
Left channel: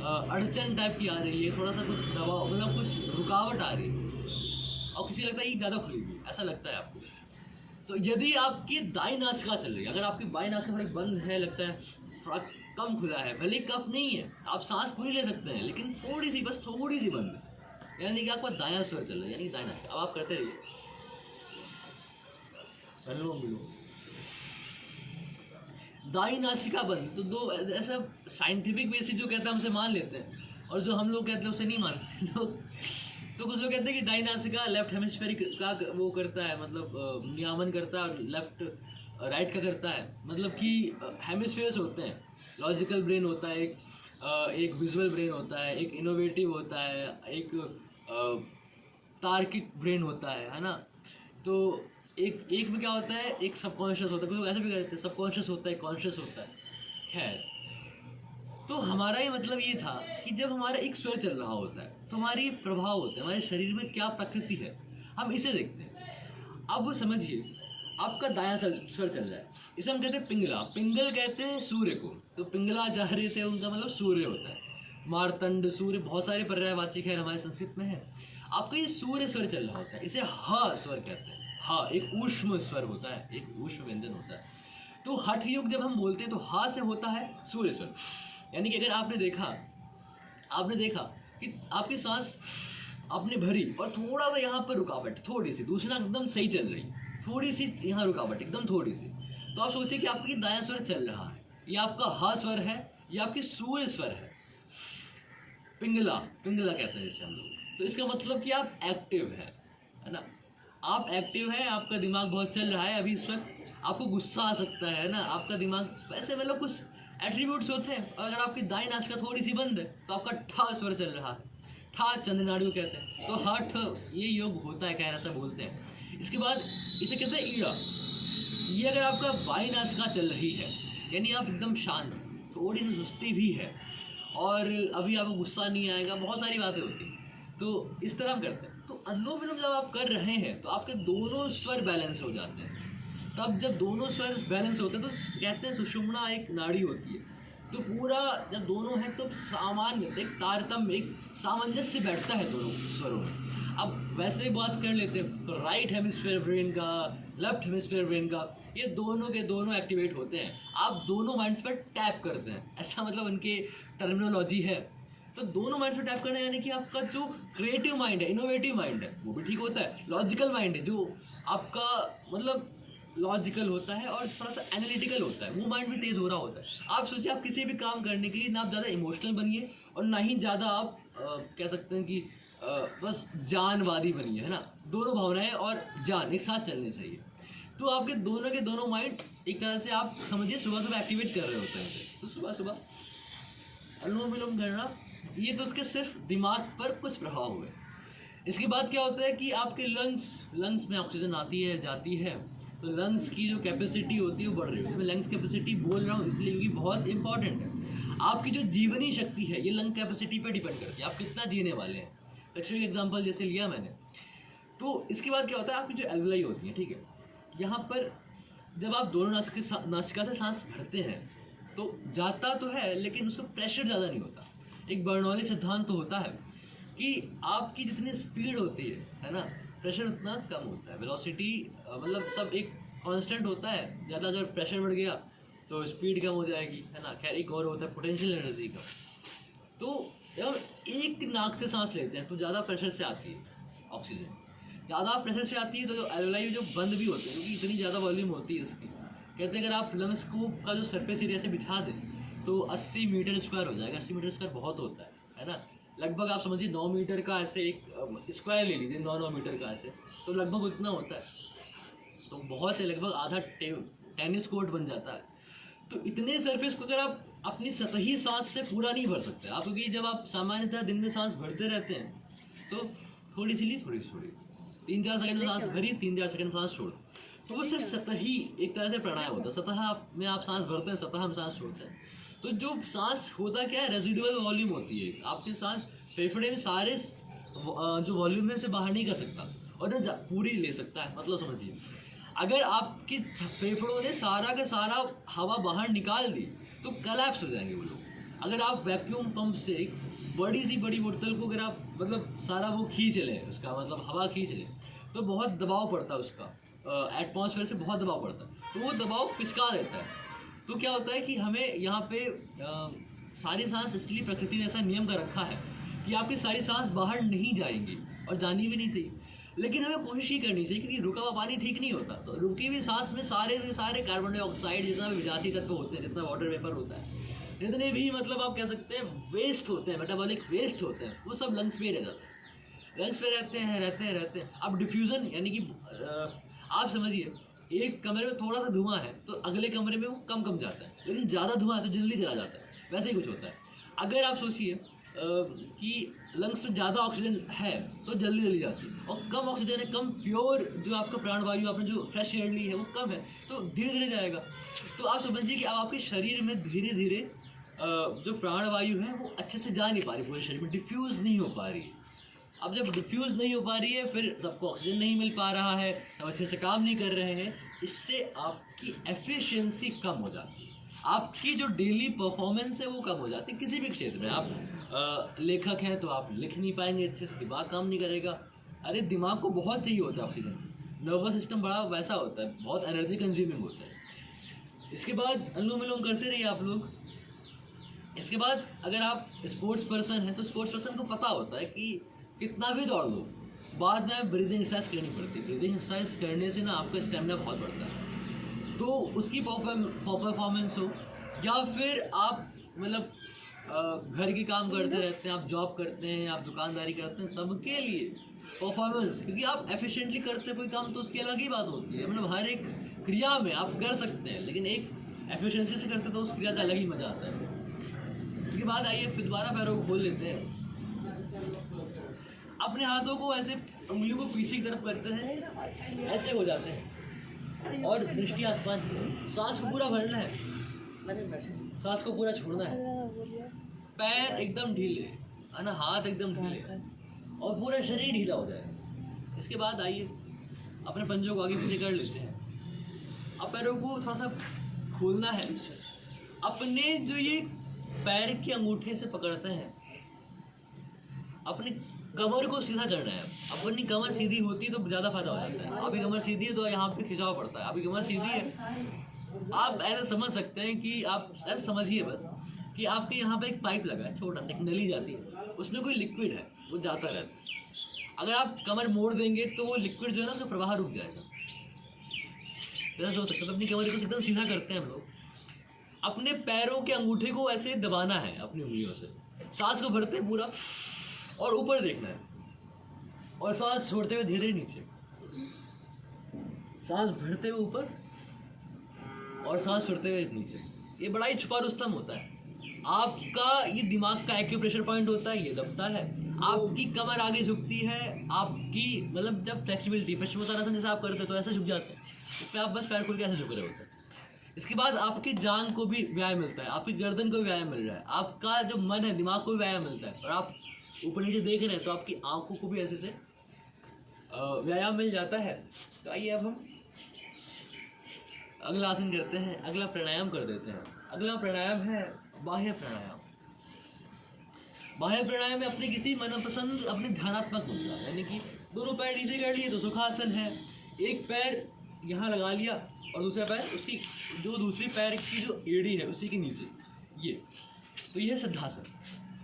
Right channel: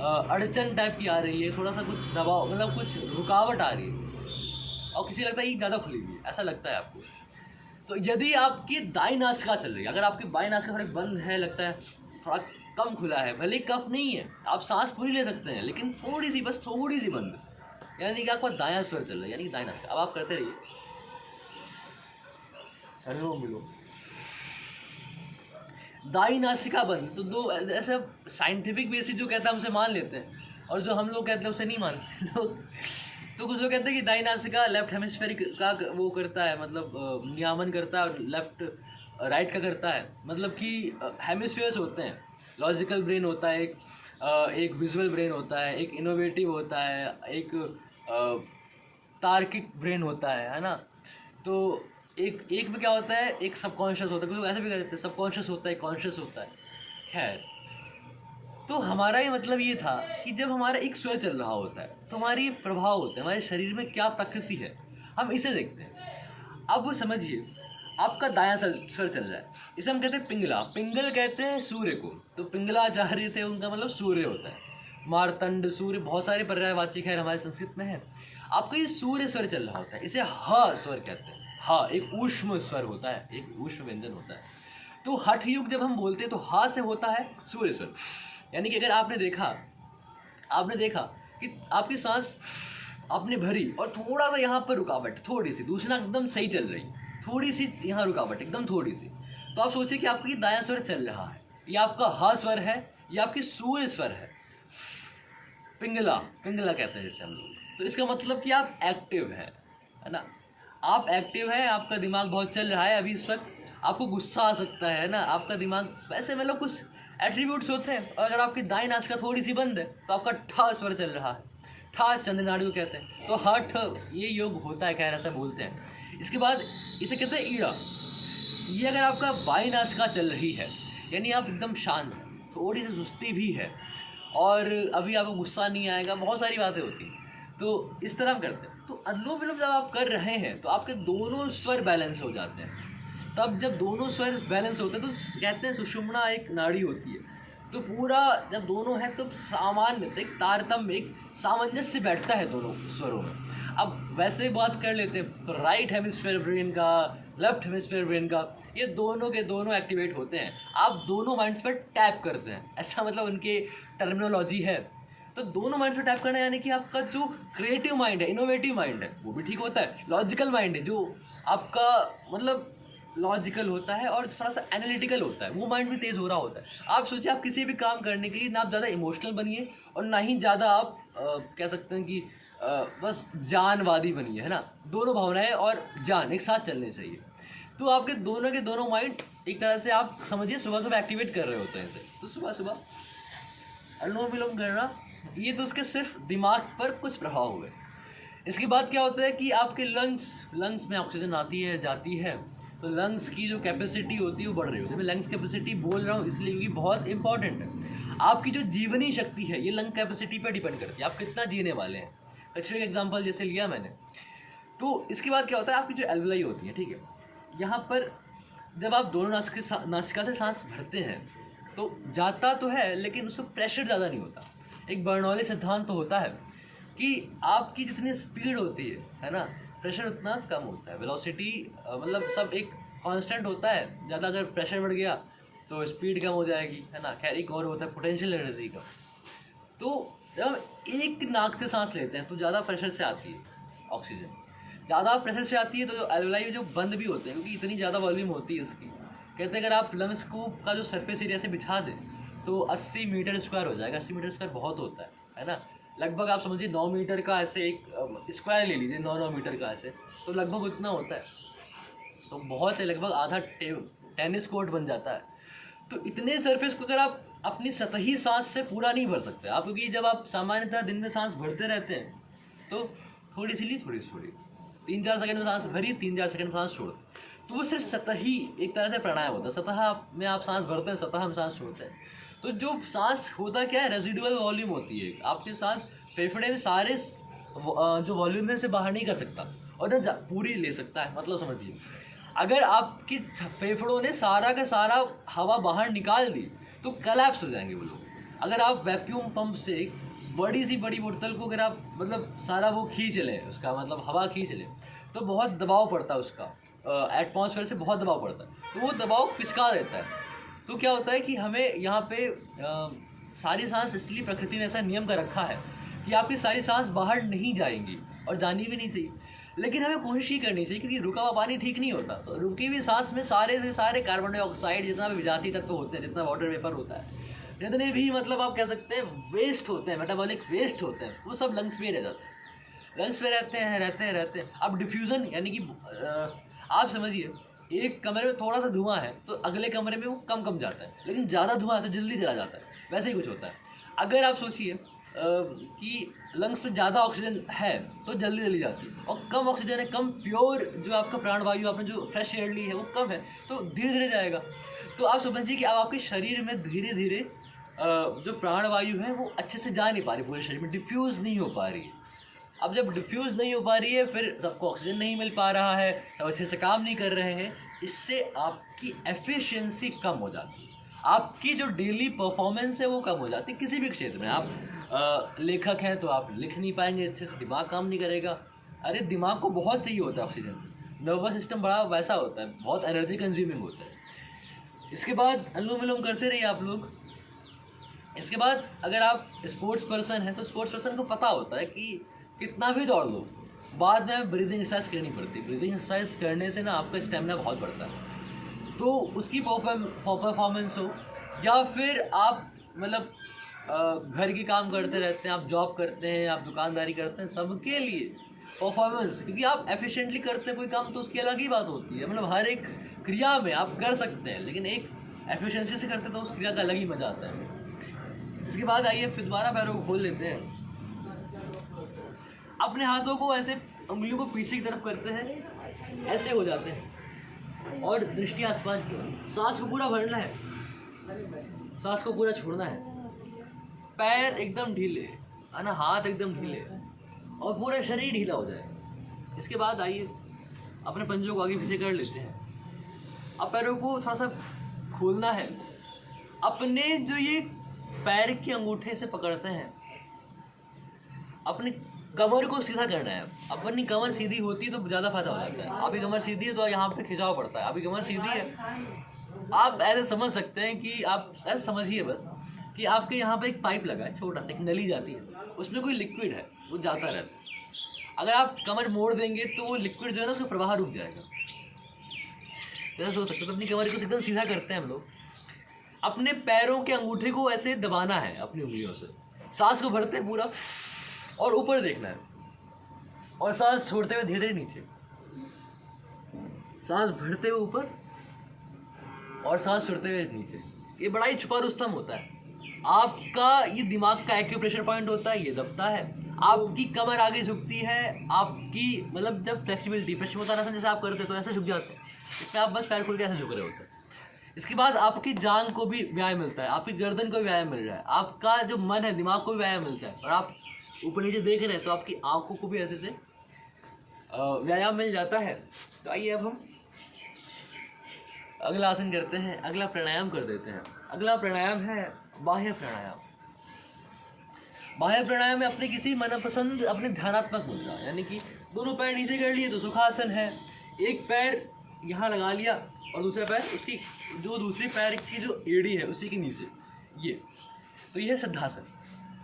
अड़चन टाइप की आ रही है, थोड़ा सा कुछ दबाव, मतलब कुछ रुकावट आ रही है, और किसी लगता है कि ज़्यादा खुली हुई है, ऐसा लगता है आपको। तो यदि आपकी दाईं नासिका चल रही है, अगर आपकी बाईं नासिका थोड़ी बंद है, लगता है थोड़ा कम खुला है, भले कफ नहीं है, आप सांस पूरी ले सकते हैं, लेकिन थोड़ी सी, बस थोड़ी सी बंद, यानी कि आपका दायां स्वर चल रहा है, यानी कि दाईं नासिका। अब आप करते रहिए अनुलोम विलोम। दाईं नासिका बंद, तो दो ऐसा साइंटिफिक बेसिस जो कहता है हमसे मान लेते हैं, और जो हम लोग कहते हैं उसे नहीं मानते लोग। तो कुछ लोग कहते हैं कि दाईं नासिका लेफ्ट हेमिस्फेरिक का वो करता है, मतलब नियामन करता है, और लेफ्ट राइट का करता है। मतलब कि हेमिस्फीयर्स होते हैं, लॉजिकल ब्रेन होता है एक विजुअल ब्रेन होता है, एक इनोवेटिव होता है, एक तार्किक ब्रेन होता है ना। तो एक में क्या होता है, एक सबकॉन्शियस होता है, कुछ लोग ऐसे भी कहते हैं सबकॉन्शियस होता है, कॉन्शियस होता है। खैर, तो हमारा ये मतलब ये था कि जब हमारा एक स्वर चल रहा होता है तो हमारी प्रभाव होता है, हमारे शरीर में क्या प्रकृति है, हम इसे देखते हैं। अब वो समझिए, आपका दायां स्वर चल रहा है, इसे हम कहते हैं पिंगला। पिंगल कहते हैं सूर्य को, तो पिंगलाचार्य थे, उनका मतलब सूर्य होता है। मार्तंड, सूर्य, बहुत सारे पर्यायवाची खैर हमारे संस्कृत में है। आपका ये सूर्य स्वर चल रहा होता है, इसे ह स्वर कहते हैं। हाँ, एक ऊष्म स्वर होता है, एक ऊष्म व्यंजन होता है। तो हठ युग जब हम बोलते हैं तो हा से होता है सूर्य स्वर। यानी कि अगर आपने देखा कि आपकी सांस आपने भरी और थोड़ा सा यहाँ पर रुकावट, थोड़ी सी, दूसरा एकदम सही चल रही, थोड़ी सी यहाँ रुकावट, एकदम थोड़ी सी, तो आप सोचिए कि आपकी दायां स्वर चल रहा है, ये आपका हा स्वर है, ये आपकी सूर्य स्वर है। पिंगला कहते हैं जैसे हम लोग। तो इसका मतलब कि आप एक्टिव है ना, आप एक्टिव है, आपका दिमाग बहुत चल रहा है अभी इस वक्त, आपको गुस्सा आ सकता है ना, आपका दिमाग वैसे मतलब कुछ एट्रीब्यूट्स होते हैं। और अगर आपकी दाईं नासिका थोड़ी सी बंद है तो आपका ठा स्वर चल रहा है, ठा चंद्रनाड़ु कहते हैं। तो हठ ये योग होता है, खैर ऐसा बोलते हैं। इसके बाद इसे कहते हैं ईड़ा। ये अगर आपका बाईं नासिका चल रही है, यानी आप एकदम शांत, थोड़ी सी सुस्ती भी है और अभी आपको गुस्सा नहीं आएगा, बहुत सारी बातें होती हैं, तो इस तरह हम करते हैं। तो अनुलोम विलोम जब आप कर रहे हैं तो आपके दोनों स्वर बैलेंस हो जाते हैं। तब जब दोनों स्वर बैलेंस होते हैं तो कहते हैं सुषुम्ना एक नाड़ी होती है, तो पूरा जब दोनों है तो सामान्य, एक तारतम्य, एक सामंजस्य बैठता है दोनों स्वरों में। अब वैसे बात कर लेते हैं तो राइट हेमिस्फीयर ब्रेन का, लेफ्ट हेमिस्फीयर ब्रेन का, ये दोनों के दोनों एक्टिवेट होते हैं। आप दोनों माइंड्स पर टैप करते हैं, ऐसा मतलब उनके टर्मिनोलॉजी है। तो दोनों माइंड्स पर टैप करना यानी कि आपका जो क्रिएटिव माइंड है, इनोवेटिव माइंड है, वो भी ठीक होता है। लॉजिकल माइंड है, जो आपका मतलब लॉजिकल होता है और थोड़ा सा एनालिटिकल होता है, वो माइंड भी तेज़ हो रहा होता है। आप सोचिए, आप किसी भी काम करने के लिए ना आप ज़्यादा इमोशनल बनिए और ना ही ज़्यादा आप कह सकते हैं कि बस जानवादी बनिए, है ना। दोनों भावनाएं और जान एक साथ चलने चाहिए। तो आपके दोनों के दोनों माइंड एक तरह से आप समझिए सुबह सुबह एक्टिवेट कर रहे होते हैं इसे। तो सुबह सुबह अनुलोम विलोम करना, ये तो उसके सिर्फ दिमाग पर कुछ प्रभाव हुए। इसके बाद क्या होता है कि आपके लंग्स में ऑक्सीजन आती है, जाती है, तो लंग्स की जो कैपेसिटी होती है वो बढ़ रही होती है। मैं लंग्स कैपेसिटी बोल रहा हूँ इसलिए कि बहुत इंपॉर्टेंट है। आपकी जो जीवनी शक्ति है ये लंग कैपेसिटी पर डिपेंड करती है, आप कितना जीने वाले हैं। एक्चुअली एग्जाम्पल जैसे लिया मैंने। तो इसके बाद क्या होता है, आपकी जो एल्वेलाई होती है, ठीक है, यहाँ पर जब आप दोनों नासिका से सांस भरते हैं तो जाता तो है लेकिन उसमें प्रेशर ज़्यादा नहीं होता। एक बर्नौली सिद्धांत तो होता है कि आपकी जितनी स्पीड होती है ना, प्रेशर उतना कम होता है। वेलोसिटी मतलब सब एक कांस्टेंट होता है, ज़्यादा अगर प्रेशर बढ़ गया तो स्पीड कम हो जाएगी, है ना। खैर, एक और होता है पोटेंशियल एनर्जी का। तो जब एक नाक से सांस लेते हैं तो ज़्यादा प्रेशर से आती है ऑक्सीजन, ज़्यादा प्रेशर से आती है तो एल्वेलाई जो बंद भी होते हैं क्योंकि इतनी ज़्यादा वॉल्यूम होती है इसकी। कहते हैं अगर आप लंग्स को का जो सरफेस एरिया से बिछा दें तो 80 मीटर स्क्वायर हो जाएगा। 80 मीटर स्क्वायर बहुत होता है ना। लगभग आप समझिए 9 मीटर का ऐसे एक स्क्वायर ले लीजिए, 9 मीटर का ऐसे, तो लगभग उतना होता है। तो बहुत है, लगभग आधा टेनिस कोर्ट बन जाता है। तो इतने सरफेस को अगर आप अपनी सतही सांस से पूरा नहीं भर सकते आप, क्योंकि जब आप सामान्यतः दिन में सांस भरते रहते हैं तो थोड़ी सी ली, थोड़ी 3-4 सेकंड में सांस भरी, 3-4 सेकंड में सांस छोड़, तो वो सिर्फ सतही एक तरह से प्राणायाम होता है। सतह में आप सांस भरते हैं, सतह हम सांस छोड़ते हैं। तो जो सांस होता क्या है, रेजिडुअल वॉल्यूम होती है। आपकी सांस फेफड़े में सारे जो वॉल्यूम है उसे बाहर नहीं कर सकता और ना पूरी ले सकता है। मतलब समझिए, अगर आपकी फेफड़ों ने सारा का सारा हवा बाहर निकाल दी तो कोलैप्स हो जाएंगे वो लोग। अगर आप वैक्यूम पंप से एक बड़ी बोतल को अगर आप मतलब सारा वो खींच लें, उसका मतलब हवा खींच लें, तो बहुत दबाव पड़ता है उसका, एटमॉस्फेयर से बहुत दबाव पड़ता है, तो वो दबाव पिचका देता है। तो क्या होता है कि हमें यहाँ पे सारी सांस, इसलिए प्रकृति ने ऐसा नियम कर रखा है कि आपकी सारी सांस बाहर नहीं जाएंगी और जानी भी नहीं चाहिए, लेकिन हमें कोशिश ही करनी चाहिए क्योंकि रुका हुआ पानी ठीक नहीं होता। तो रुकी हुई सांस में सारे से सारे कार्बन डाइऑक्साइड, जितना भी विजातीय तत्व होते हैं, जितना वाटर वेपर होता है, जितने भी मतलब आप कह सकते हैं वेस्ट होते हैं, मेटाबॉलिक वेस्ट होते हैं, वो सब लंग्स में रह जाते हैं, लंग्स में रहते हैं। अब डिफ्यूज़न यानी कि आप समझिए, एक कमरे में थोड़ा सा धुआं है तो अगले कमरे में वो कम जाता है, लेकिन ज़्यादा धुआं है तो जल्दी चला जाता है। वैसे ही कुछ होता है। अगर आप सोचिए कि लंग्स में ज़्यादा ऑक्सीजन है तो जल्दी जल्दी जाती है, और कम ऑक्सीजन है, कम प्योर जो आपका प्राणवायु आपने जो फ्रेश एयर ली है वो कम है तो धीरे धीरे जाएगा। तो आप समझिए कि अब आपके शरीर में धीरे धीरे जो प्राणवायु है वो अच्छे से जा नहीं पा रही, पूरे शरीर में डिफ्यूज़ नहीं हो पा रही है। अब जब डिफ्यूज़ नहीं हो पा रही है, फिर सबको ऑक्सीजन नहीं मिल पा रहा है, सब अच्छे से काम नहीं कर रहे हैं, इससे आपकी एफिशिएंसी कम हो जाती है, आपकी जो डेली परफॉर्मेंस है वो कम हो जाती है किसी भी क्षेत्र में। आप लेखक हैं तो आप लिख नहीं पाएंगे अच्छे से, दिमाग काम नहीं करेगा। अरे दिमाग को बहुत चाहिए होता है ऑक्सीजन, नर्वस सिस्टम बड़ा वैसा होता है, बहुत एनर्जी कंज्यूमिंग होता है। इसके बाद अनुलोम विलोम करते रहिए आप लोग। इसके बाद अगर आप स्पोर्ट्स पर्सन हैं तो स्पोर्ट्स पर्सन को पता होता है कि कितना भी दौड़ लो, बाद में हमें ब्रीदिंग एक्सरसाइज करनी पड़ती है। ब्रीदिंग एक्सरसाइज करने से ना आपका स्टेमिना बहुत बढ़ता है, तो उसकी परफॉर्मेंस हो, या फिर आप मतलब घर के काम करते रहते हैं, आप जॉब करते हैं, आप दुकानदारी करते हैं, सबके लिए परफॉर्मेंस, क्योंकि आप एफिशिएंटली करते हैं कोई काम तो उसकी अलग ही बात होती है। मतलब हर एक क्रिया में आप कर सकते हैं, लेकिन एक एफिशिएंसी से करते तो उस क्रिया का अलग ही मज़ा आता है। इसके बाद आइए फिर दोबारा पैरों को खोल लेते हैं, अपने हाथों को ऐसे उंगलियों को पीछे की तरफ करते हैं, ऐसे हो जाते हैं और दृष्टि आसमान की। सांस को पूरा भरना है, सांस को पूरा छोड़ना है, पैर एकदम ढीले है ना, हाथ एकदम ढीले और पूरा शरीर ढीला हो जाए। इसके बाद आइए अपने पंजों को आगे पीछे कर लेते हैं। अब पैरों को थोड़ा सा खोलना है, अपने जो ये पैर के अंगूठे से पकड़ते हैं, अपनी कमर को सीधा करना है। अपनी कमर सीधी होती तो ज़्यादा फायदा हो जाता है। अभी कमर सीधी है तो यहाँ पे खिंचाव पड़ता है, अभी कमर सीधी है, आप ऐसे समझ सकते हैं कि आप ऐसे समझिए बस कि आपके यहाँ पे एक पाइप लगा है, छोटा सा एक नली जाती है, उसमें कोई लिक्विड है वो जाता रहता है। अगर आप कमर मोड़ देंगे तो वो लिक्विड जो है ना उसका प्रवाह रुक जाएगा। ऐसा सोच सकते हैं। तो अपनी कमर को एकदम सीधा करते हैं हम लोग, अपने पैरों के अंगूठे को ऐसे दबाना है अपनी उंगलियों से, सांस को भरते हैं पूरा और ऊपर देखना है, और सांस छोड़ते हुए धीरे धीरे नीचे, सांस भरते हुए ऊपर और सांस छोड़ते हुए नीचे। ये बड़ा ही छुपा रुस्तम होता है। आपका ये दिमाग का एक्यूप्रेशर पॉइंट होता है, ये दबता है, आपकी कमर आगे झुकती है, आपकी मतलब जब फ्लेक्सिबिलिटी पश्चिमोत्तानासन जैसे आप करते हैं तो ऐसे झुक जाते हैं, इसमें आप बस पैर खोल के ऐसे झुक रहे होते हैं। इसके बाद आपकी जांघ को भी व्यायाम मिलता है, आपकी गर्दन को भी व्यायाम मिल रहा है, आपका जो मन है दिमाग को भी व्यायाम मिलता है, और आप ऊपर नीचे देख रहे हैं तो आपकी आंखों को भी ऐसे से व्यायाम मिल जाता है। तो आइए अब हम अगला आसन करते हैं, अगला प्राणायाम कर देते हैं। अगला प्राणायाम है बाह्य प्राणायाम। बाह्य प्राणायाम में अपने किसी मनपसंद अपने ध्यानात्मक मुद्रा, यानी कि दोनों पैर नीचे कर लिए तो सुखासन है, एक पैर यहाँ लगा लिया और दूसरा पैर उसकी जो दूसरी पैर की जो एड़ी है उसी के नीचे, ये तो ये है सिद्धासन।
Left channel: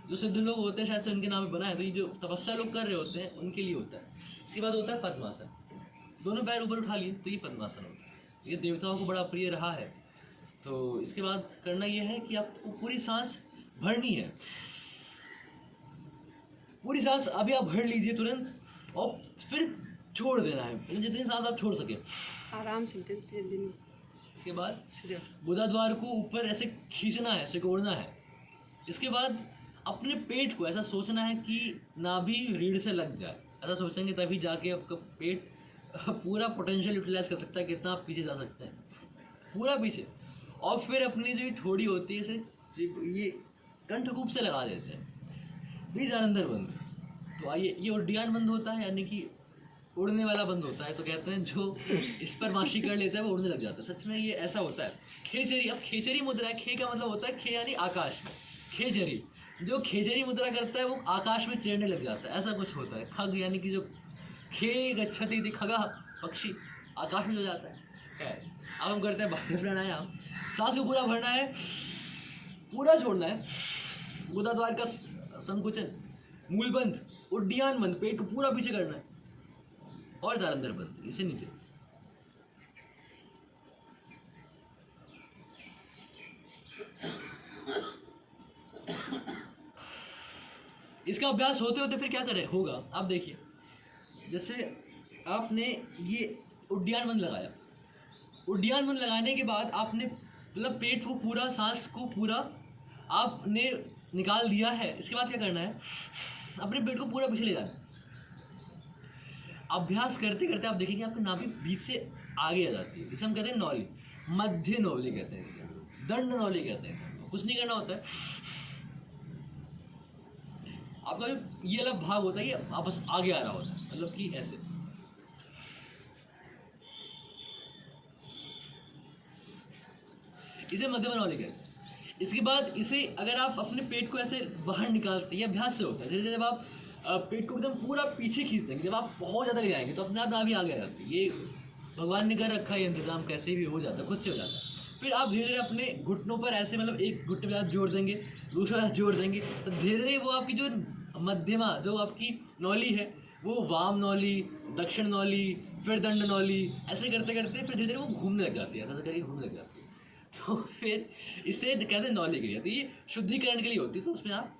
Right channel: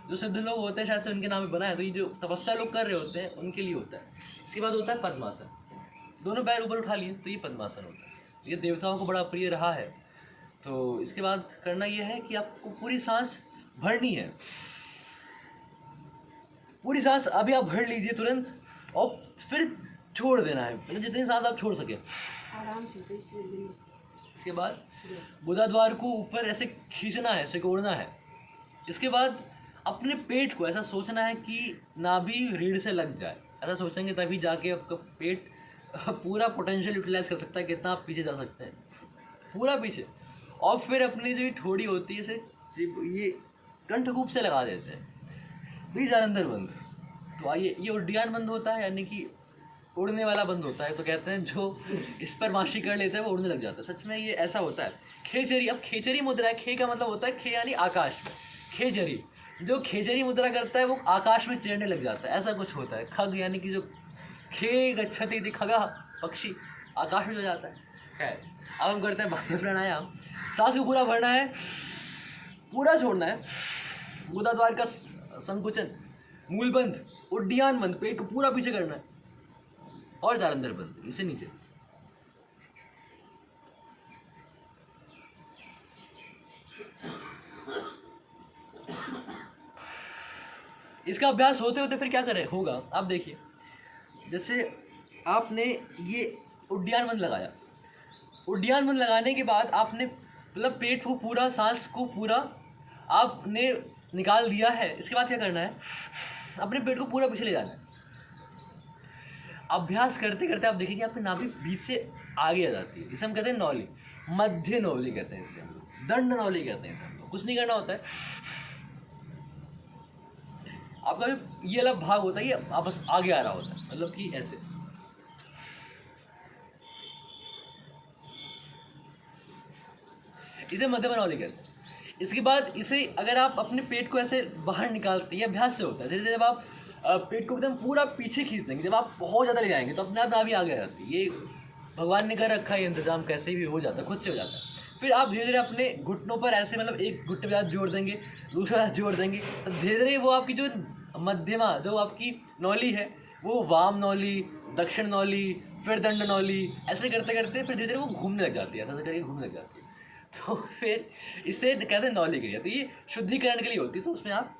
जो सिद्ध लोग होते हैं शायद से उनके नाम में बना है, तो ये जो तपस्या लोग कर रहे होते हैं उनके लिए होता है। इसके बाद होता है पद्मासन, दोनों पैर ऊपर उठा लिए तो ये पद्मासन होता है, ये देवताओं को बड़ा प्रिय रहा है। तो इसके बाद करना ये है कि आपको पूरी सांस भरनी है, पूरी सांस अभी आप भर लीजिए तुरंत, और फिर छोड़ देना है, मतलब जितनी सांस आप छोड़ सके आराम से। इसके बाद गुदाद्वार को ऊपर ऐसे खींचना है, सिकोड़ना है। इसके बाद अपने पेट को ऐसा सोचना है कि नाभि रीढ़ से लग जाए, ऐसा सोचेंगे तभी जाके आपका पेट पूरा पोटेंशियल यूटिलाइज कर सकता है, कितना आप पीछे जा सकते हैं, पूरा पीछे। और फिर अपनी जो ठोड़ी होती है इसे ये कंठकूप से लगा देते हैं, प्लीज अंदर बंद। तो आइए, ये उड्डयन बंद होता है, यानी कि उड़ने वाला बंद होता है। तो कहते हैं जो इस पर माशी कर लेता है वो उड़ने लग जाता है, सच में ये ऐसा होता है। खेचरी, अब खेचरी मुद्रा है, खे का मतलब होता है खे यानी आकाश में, खेचरी, जो खेचरी मुद्रा करता है वो आकाश में चढ़ने लग जाता है, ऐसा कुछ होता है। खग यानी कि जो खे गच्छति थी खगा, पक्षी आकाश में जाता है। खैर, अब हम करते हैं बाह्य प्राणायाम। सांस को पूरा भरना है, पूरा छोड़ना है, गुदाद्वार का संकुचन, मूल बंद, उड्डयन बंद, पेट को पूरा पीछे करना है और जालंधर बंद, इसे नीचे। इसका अभ्यास होते होते फिर क्या करें होगा, आप देखिए, जैसे आपने ये उड्डयन बंद लगाया, उड्डयन बंद लगाने के बाद आपने मतलब पेट को पूरा, सांस को पूरा आपने निकाल दिया है, इसके बाद क्या करना है, अपने पेट को पूरा पीछे ले जाना है। अभ्यास करते करते आप देखेंगे आपकी नाभि बीच से आगे आ जाती है, जिसे हम कहते हैं नौली, मध्य नौली कहते हैं इसे, दंड नौली कहते हैं इसे। कुछ नहीं करना होता है, आपका जो ये वाला भाग होता है ये वापस आगे आ रहा होता है, मतलब कि ऐसे। इसे मध्यमा नौली कहते हैं। इसके बाद इसे अगर आप अपने पेट को ऐसे बाहर निकालते हैं, ये अभ्यास से होता है। धीरे धीरे जब आप पेट को एकदम पूरा पीछे खींच देंगे, जब आप बहुत ज़्यादा ले जाएंगे तो अपने आप नाभि आगे आ जाती है। ये भगवान ने कर रखा है, ये इंतजाम कैसे भी हो जाता है, खुद से हो जाता है। फिर आप धीरे धीरे अपने घुटनों पर ऐसे, मतलब एक घुटने पे हाथ जोड़ देंगे, दूसरा हाथ जोड़ देंगे, तो धीरे धीरे वो आपकी जो मध्यमा जो आपकी नौली है, वो वाम नौली, दक्षिण नौली, फिर दंड नौली, ऐसे करते करते फिर धीरे धीरे वो घूमने लग जाती है, ऐसे करके घूमने लग जाती है। तो फिर इसे कहते हैं नौली क्रिया। तो ये शुद्धिकरण के लिए होती है। तो उसमें आप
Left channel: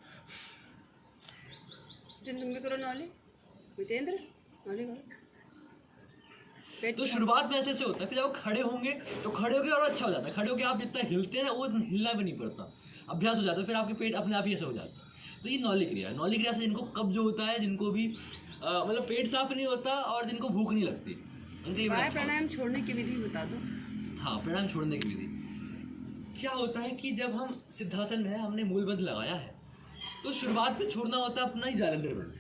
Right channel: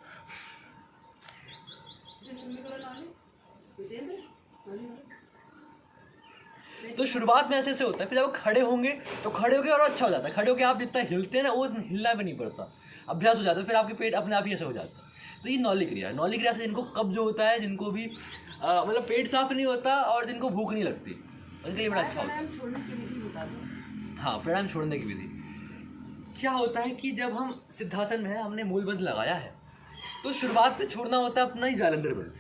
तो शुरुआत में ऐसे ऐसे होता है, फिर जब खड़े होंगे तो खड़े होके और अच्छा हो जाता है। खड़े होके आप जितना हिलते हैं ना, वो हिलना भी नहीं पड़ता, अभ्यास हो जाता है, फिर आपके पेट अपने आप ही ऐसे हो जाता है। तो ये नौली क्रिया है। नौली क्रिया से जिनको कब्ज होता है, जिनको भी मतलब पेट साफ नहीं होता और जिनको भूख नहीं लगती, उनके लिए बड़ा अच्छा। प्राणायाम छोड़ने की विधि बता दो। हाँ, प्राणायाम छोड़ने की विधि क्या होता है कि जब हम सिद्धासन में है, हमने मूलबंध लगाया है, तो शुरुआत में छोड़ना होता है अपना ही जालंधर बंध,